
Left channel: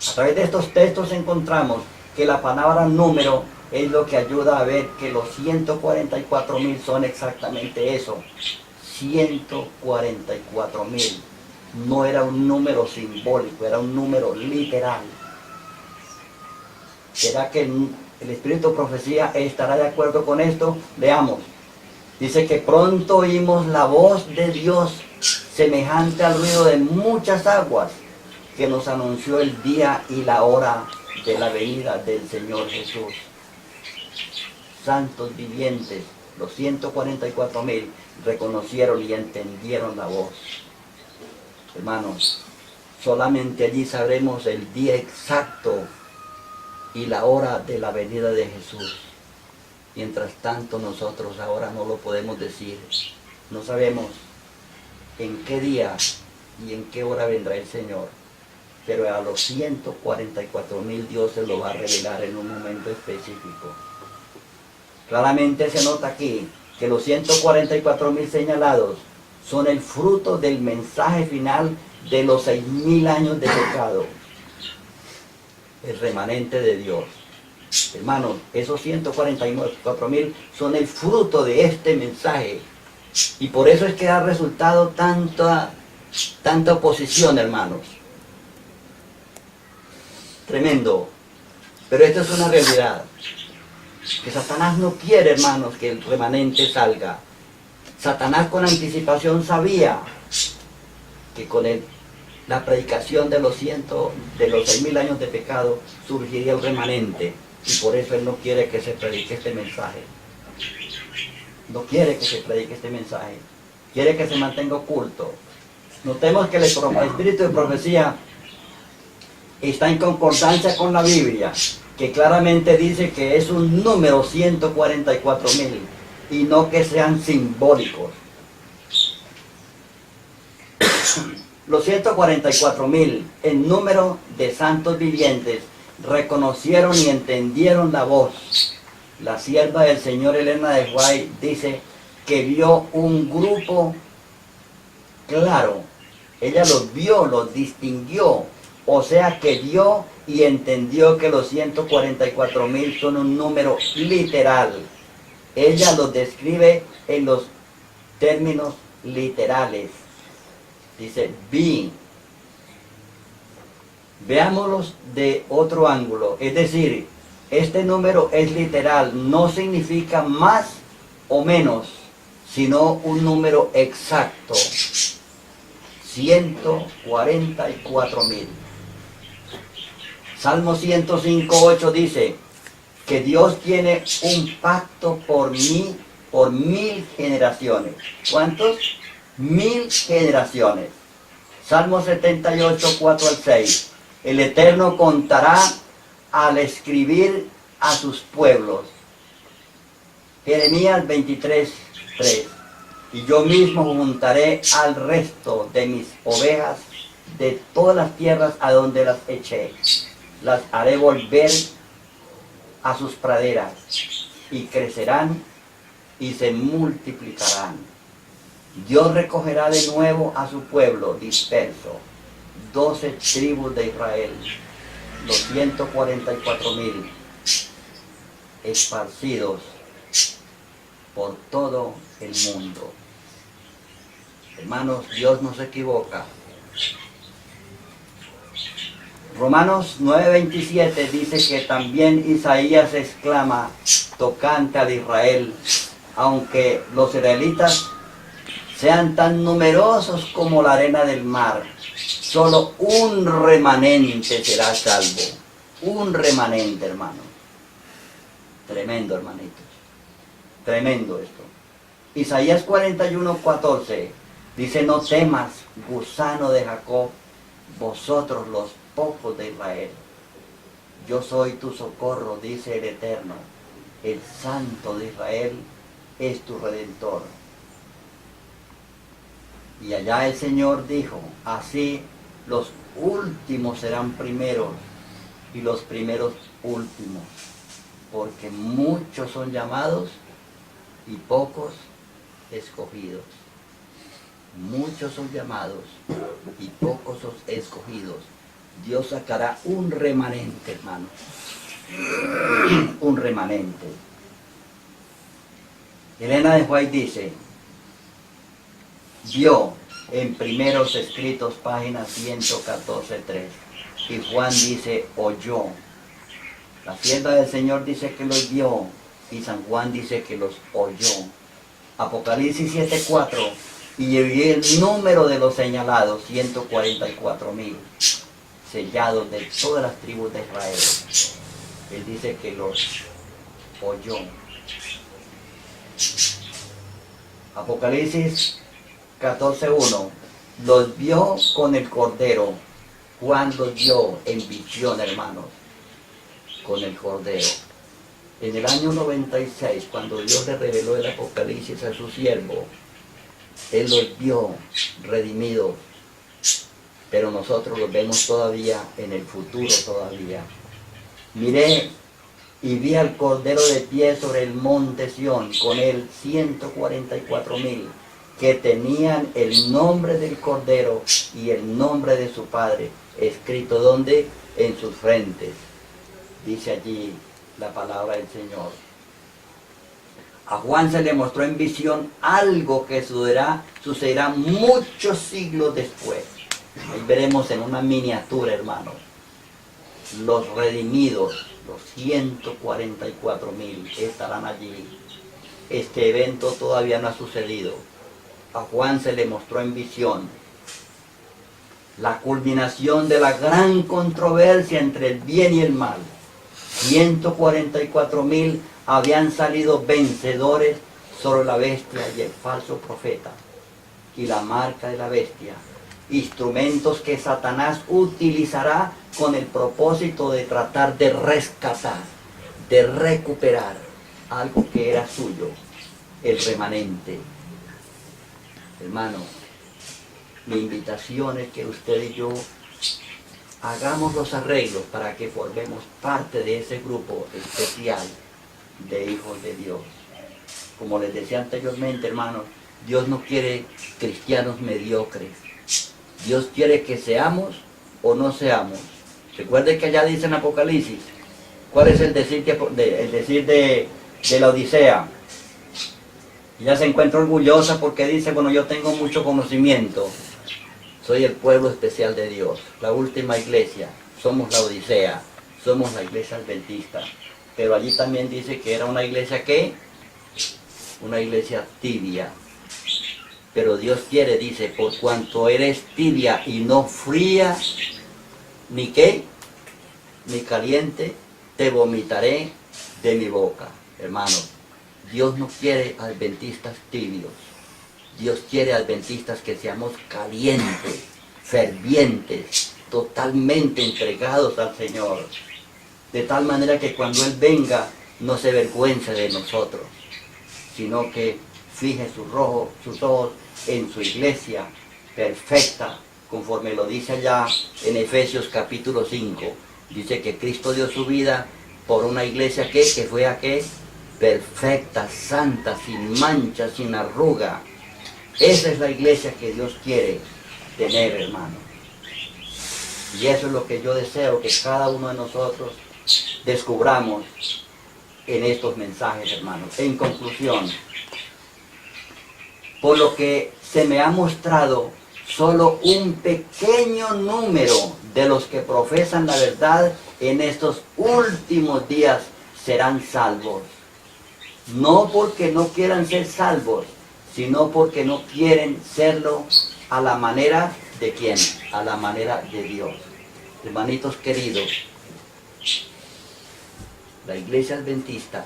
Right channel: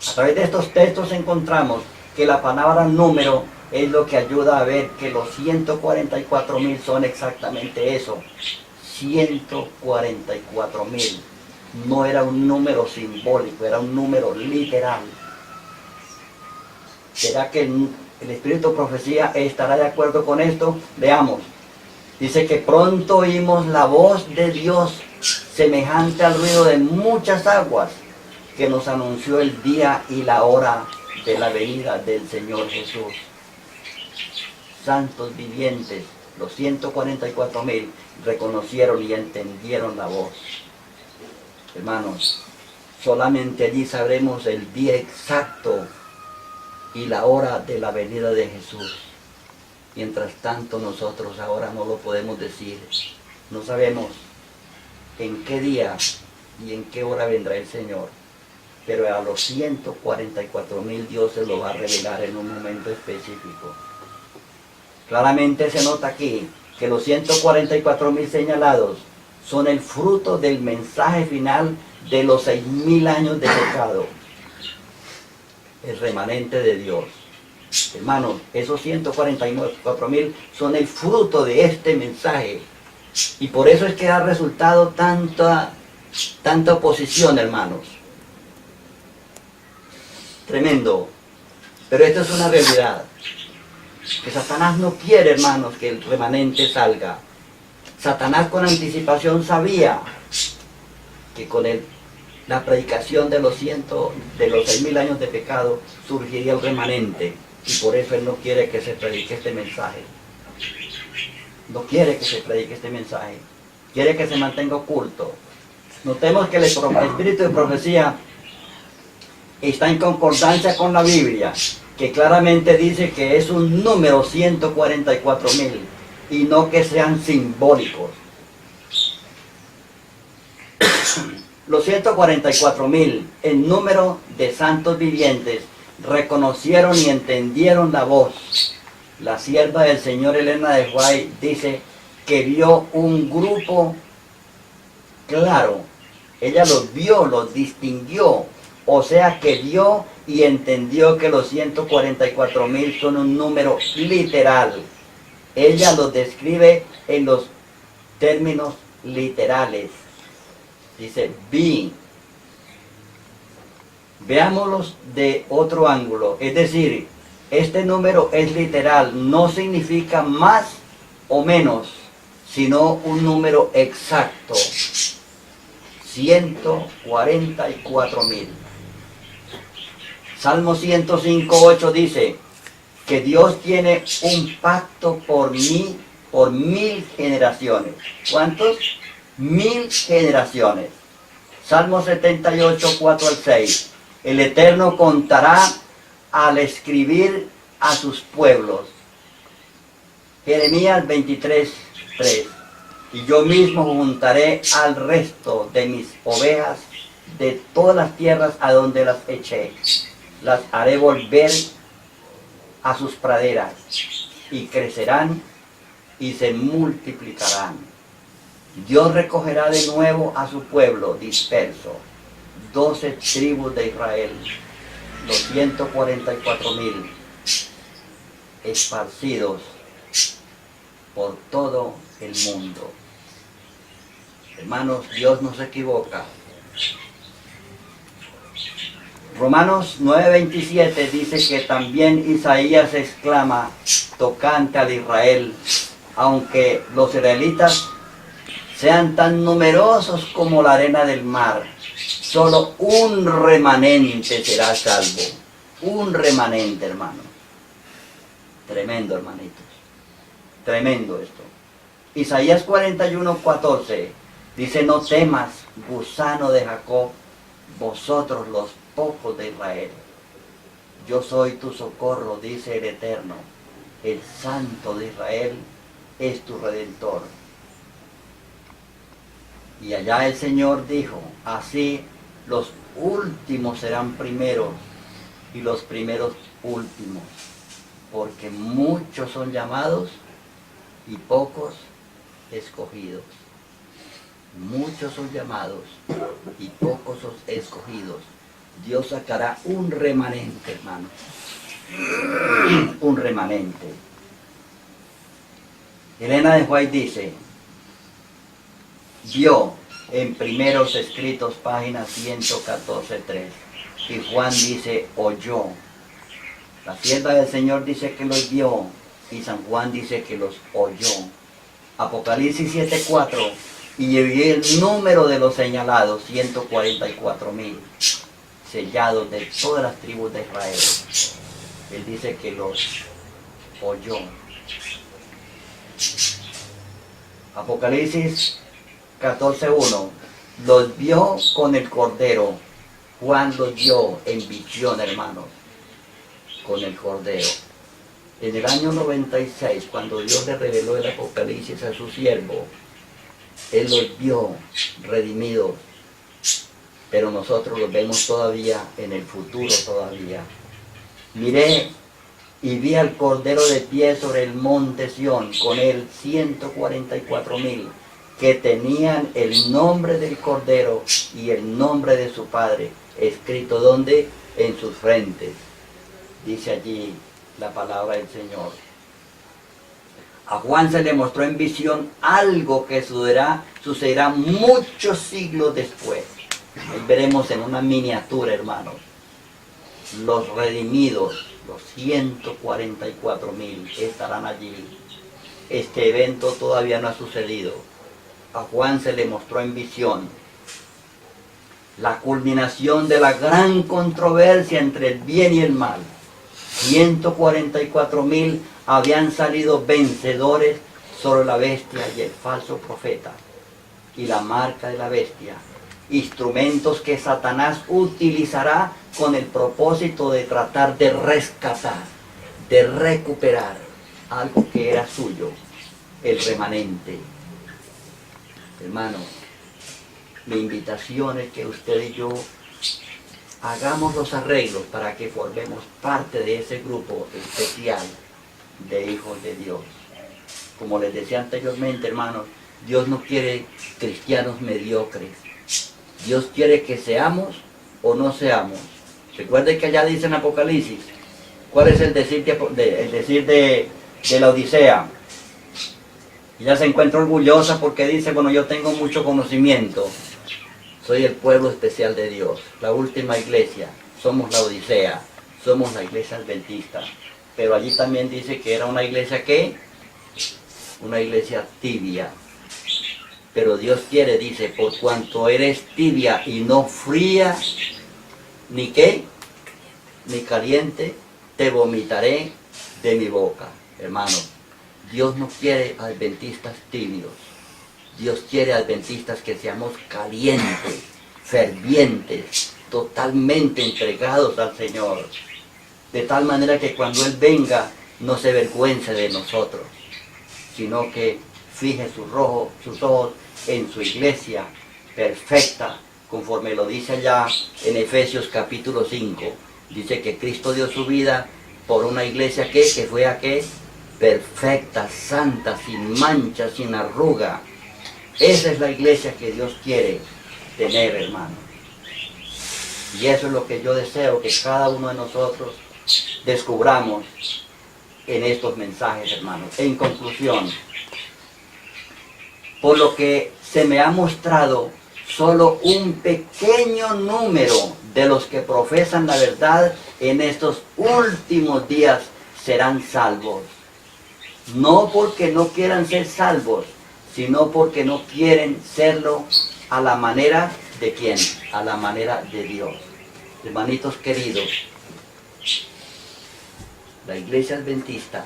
A través de estos textos encontramos que la palabra número es lo que ayuda a ver que los 144.000 son exactamente eso. 144.000. No era un número simbólico, era un número literal. ¿Será que el espíritu de profecía estará de acuerdo con esto? Veamos. Dice que pronto oímos la voz de Dios semejante al ruido de muchas aguas, que nos anunció el día y la hora de la venida del Señor Jesús. Santos vivientes, los 144.000 reconocieron y entendieron la voz. Hermanos, solamente allí sabremos el día exacto y la hora de la venida de Jesús. Mientras tanto, nosotros ahora no lo podemos decir. No sabemos en qué día y en qué hora vendrá el Señor. Pero a los 144.000 Dios se lo va a revelar en un momento específico. Claramente se nota aquí que los 144.000 señalados son el fruto del mensaje final de los 6.000 años de pecado. El remanente de Dios. Hermanos, esos 144.000 son el fruto de este mensaje. Y por eso es que ha resultado tanta oposición, hermanos. Tremendo. Pero esto es una realidad. Que Satanás no quiere, hermanos, que el remanente salga. Satanás con anticipación sabía que con la predicación de los 6.000 años de pecado surgiría el remanente. Y por eso él no quiere que se predique este mensaje. No quiere que se predique este mensaje. Quiere que se mantenga oculto. Notemos que el espíritu de profecía está en concordancia con la Biblia, que claramente dice que es un número 144.000 y no que sean simbólicos. Los 144.000, en número de santos vivientes, reconocieron y entendieron la voz. La sierva del Señor Elena de White dice que vio un grupo claro. Ella los vio, los distinguió. O sea que vio y entendió que los 144.000 son un número literal. Ella los describe en los términos literales. Dice, vi. Veámoslos de otro ángulo. Es decir, este número es literal. No significa más o menos, sino un número exacto. 144.000. Salmo 105:8 dice que Dios tiene un pacto por mí, por 1000 generaciones. ¿Cuántos? 1000 generaciones. Salmo 78, 4 al 6. El Eterno contará al escribir a sus pueblos. Jeremías 23, 3. Y yo mismo juntaré al resto de mis ovejas de todas las tierras a donde las eché. Las haré volver a sus praderas y crecerán y se multiplicarán. Dios recogerá de nuevo a su pueblo disperso, 12 tribus de Israel, los 144,000 esparcidos por todo el mundo. Hermanos, Dios no se equivoca. Romanos 9:27 dice que también Isaías exclama tocante al Israel, aunque los israelitas sean tan numerosos como la arena del mar, solo un remanente será salvo. Un remanente, hermano. Tremendo, hermanitos. Tremendo esto. Isaías 41:14 dice: no temas, gusano de Jacob, vosotros los pocos de Israel. Yo soy tu socorro, dice el Eterno. El Santo de Israel es tu Redentor. Y allá el Señor dijo: así los últimos serán primeros y los primeros últimos, porque muchos son llamados y pocos escogidos. Muchos son llamados y pocos son escogidos. Dios sacará un remanente, hermano. Un remanente. Elena de White dice, vio en Primeros Escritos, página 114:3. Y Juan dice, oyó. La sierva del Señor dice que los vio y San Juan dice que los oyó. Apocalipsis 7:4. Y vi el número de los señalados, 144,000, sellados de todas las tribus de Israel. Él dice que los oyó. Apocalipsis 14:1. Los vio con el Cordero. Juan los vio en visión, hermanos, con el Cordero. En el año 96, cuando Dios le reveló el Apocalipsis a su siervo, Él los vio redimidos, pero nosotros los vemos todavía en el futuro todavía. Miré y vi al Cordero de pie sobre el monte Sión, con él 144,000, que tenían el nombre del Cordero y el nombre de su Padre, escrito ¿dónde? En sus frentes. Dice allí la palabra del Señor. A Juan se le mostró en visión algo que sucederá muchos siglos después. Ahí veremos en una miniatura, hermanos, los redimidos, los 144,000 estarán allí. Este evento todavía no ha sucedido. A Juan se le mostró en visión la culminación de la gran controversia entre el bien y el mal. 144,000 habían salido vencedores sobre la bestia y el falso profeta y la marca de la bestia, instrumentos que Satanás utilizará con el propósito de tratar de rescatar, de recuperar algo que era suyo, el remanente. Hermano, mi invitación es que usted y yo hagamos los arreglos para que formemos parte de ese grupo especial de hijos de Dios. Como les decía anteriormente, hermanos, Dios no quiere cristianos mediocres. Dios quiere que seamos o no seamos. Recuerden que allá dice en Apocalipsis, ¿cuál es el decir de la Odisea? Ella se encuentra orgullosa porque dice, bueno, yo tengo mucho conocimiento. Soy el pueblo especial de Dios, la última iglesia. Somos la Odisea, somos la iglesia adventista. Pero allí también dice que era una iglesia, ¿qué? Una iglesia tibia. Pero Dios quiere, dice, por cuanto eres tibia y no fría, ni qué, ni caliente, te vomitaré de mi boca. Hermano, Dios no quiere adventistas tibios. Dios quiere, adventistas, que seamos calientes, fervientes, totalmente entregados al Señor. De tal manera que cuando Él venga, no se avergüence de nosotros, sino que fije sus ojos en su iglesia perfecta, conforme lo dice allá en Efesios capítulo 5. Dice que Cristo dio su vida por una iglesia que fue a qué, perfecta, santa, sin mancha, sin arruga. Esa es la iglesia que Dios quiere tener, hermano. Y eso es lo que yo deseo que cada uno de nosotros descubramos en estos mensajes, hermanos. En conclusión, por lo que se me ha mostrado, solo un pequeño número de los que profesan la verdad en estos últimos días serán salvos. No porque no quieran ser salvos, sino porque no quieren serlo a la manera de ¿quién? A la manera de Dios. Hermanitos queridos, la iglesia adventista,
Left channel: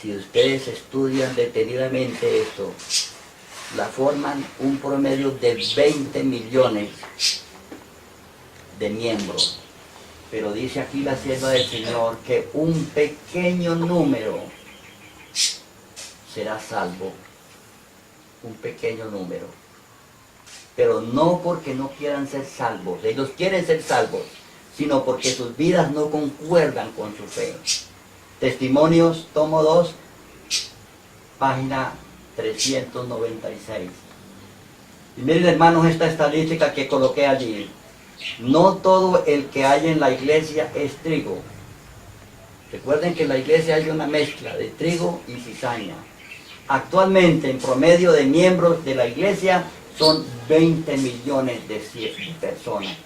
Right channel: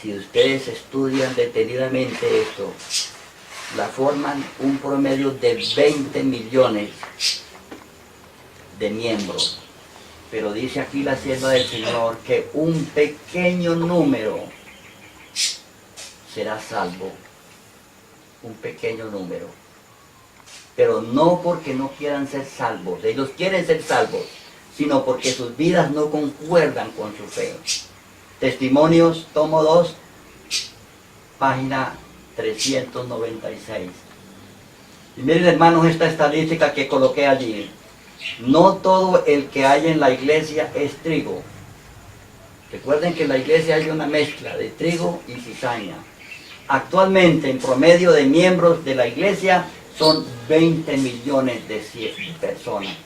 si ustedes estudian detenidamente esto, la forman un promedio de 20 millones de miembros. Pero dice aquí la sierva del Señor que un pequeño número será salvo. Un pequeño número. Pero no porque no quieran ser salvos. Ellos quieren ser salvos, sino porque sus vidas no concuerdan con su fe. Testimonios, tomo 2, página 396. Y miren, hermanos, esta estadística que coloqué allí. No todo el que hay en la iglesia es trigo. Recuerden que en la iglesia hay una mezcla de trigo y cizaña. Actualmente, en promedio de miembros de la iglesia, son 20 millones de personas.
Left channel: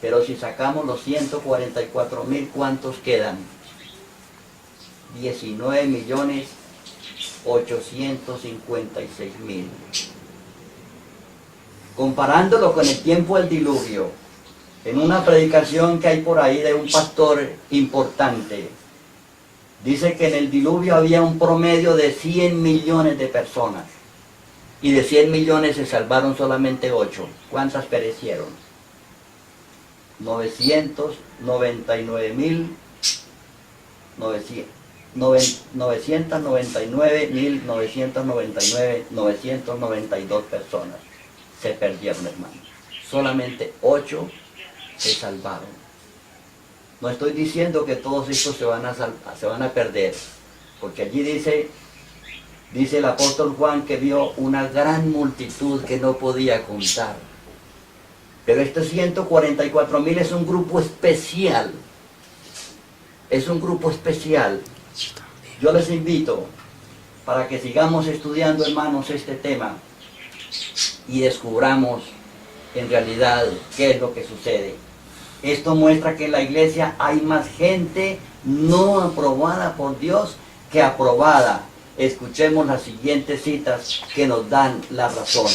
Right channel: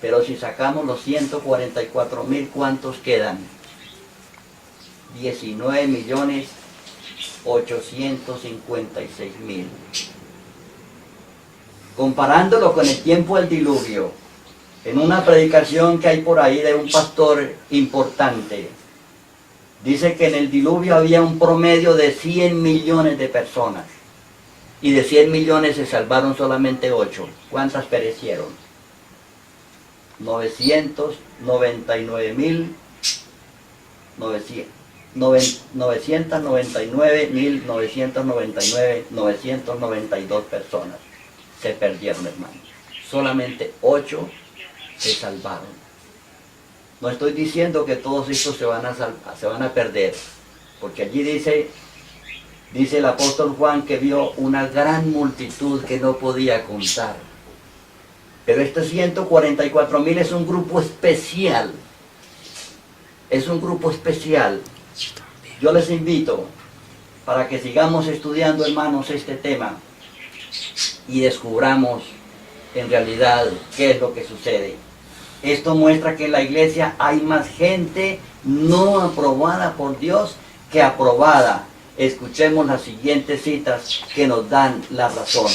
Pero si sacamos los 144,000, ¿cuántos quedan? 19,856,000. Comparándolo con el tiempo del diluvio, en una predicación que hay por ahí de un pastor importante, dice que en el diluvio había un promedio de 100 millones de personas. Y de 100 millones se salvaron solamente 8. ¿Cuántas perecieron? 999,992 personas se perdieron, hermano. Solamente 8 se salvaron. No estoy diciendo que todos estos se van a perder, porque allí dice el apóstol Juan que vio una gran multitud que no podía contar. Pero estos 144,000 es un grupo especial. Es un grupo especial. Yo les invito para que sigamos estudiando, hermanos, este tema y descubramos en realidad qué es lo que sucede. Esto muestra que en la iglesia hay más gente no aprobada por Dios que aprobada. Escuchemos las siguientes citas que nos dan la razón.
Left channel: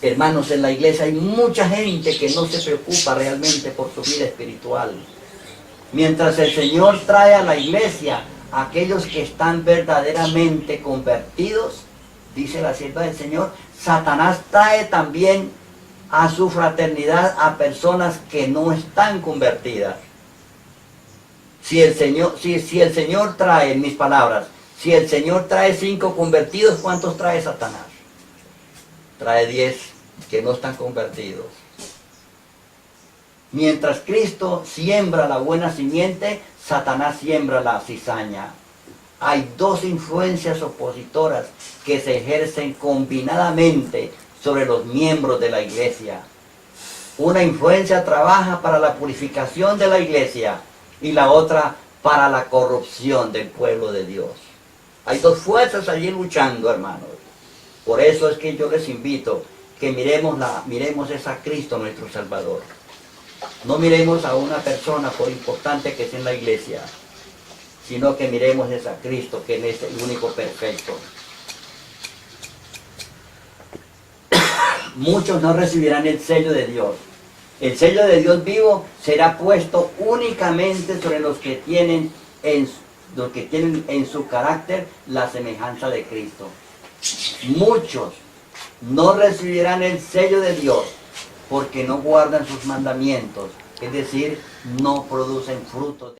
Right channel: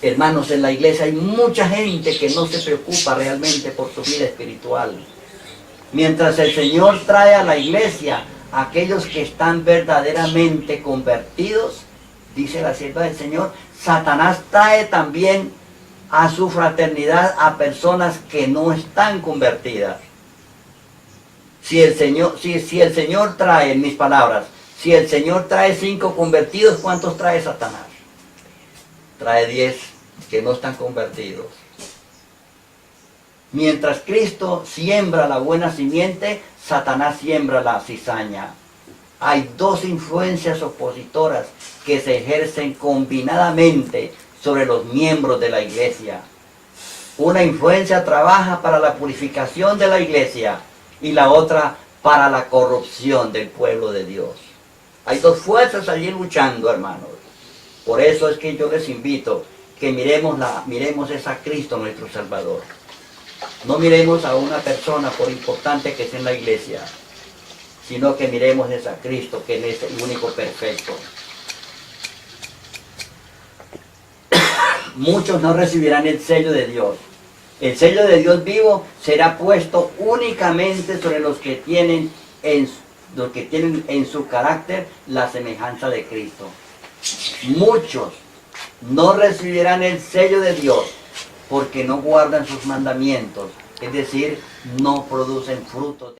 Hermanos, en la iglesia hay mucha gente que no se preocupa realmente por su vida espiritual. Mientras el Señor trae a la iglesia a aquellos que están verdaderamente convertidos, dice la sierva del Señor, Satanás trae también a su fraternidad a personas que no están convertidas. Si el Señor trae, en mis palabras, si el Señor trae 5 convertidos, ¿cuántos trae Satanás? Trae 10 que no están convertidos. Mientras Cristo siembra la buena simiente, Satanás siembra la cizaña. Hay 2 influencias opositoras que se ejercen combinadamente sobre los miembros de la iglesia. Una influencia trabaja para la purificación de la iglesia y la otra para la corrupción del pueblo de Dios. Hay 2 fuerzas allí luchando, hermanos. Por eso es que yo les invito que miremos es a Cristo nuestro Salvador. No miremos a una persona por importante que sea en la iglesia, sino que miremos es a Cristo, que es el único perfecto. Muchos no recibirán el sello de Dios. El sello de Dios vivo será puesto únicamente sobre los que tienen en su carácter la semejanza de Cristo. muchos no recibirán el sello de Dios porque no guardan sus mandamientos, es decir, no producen frutos.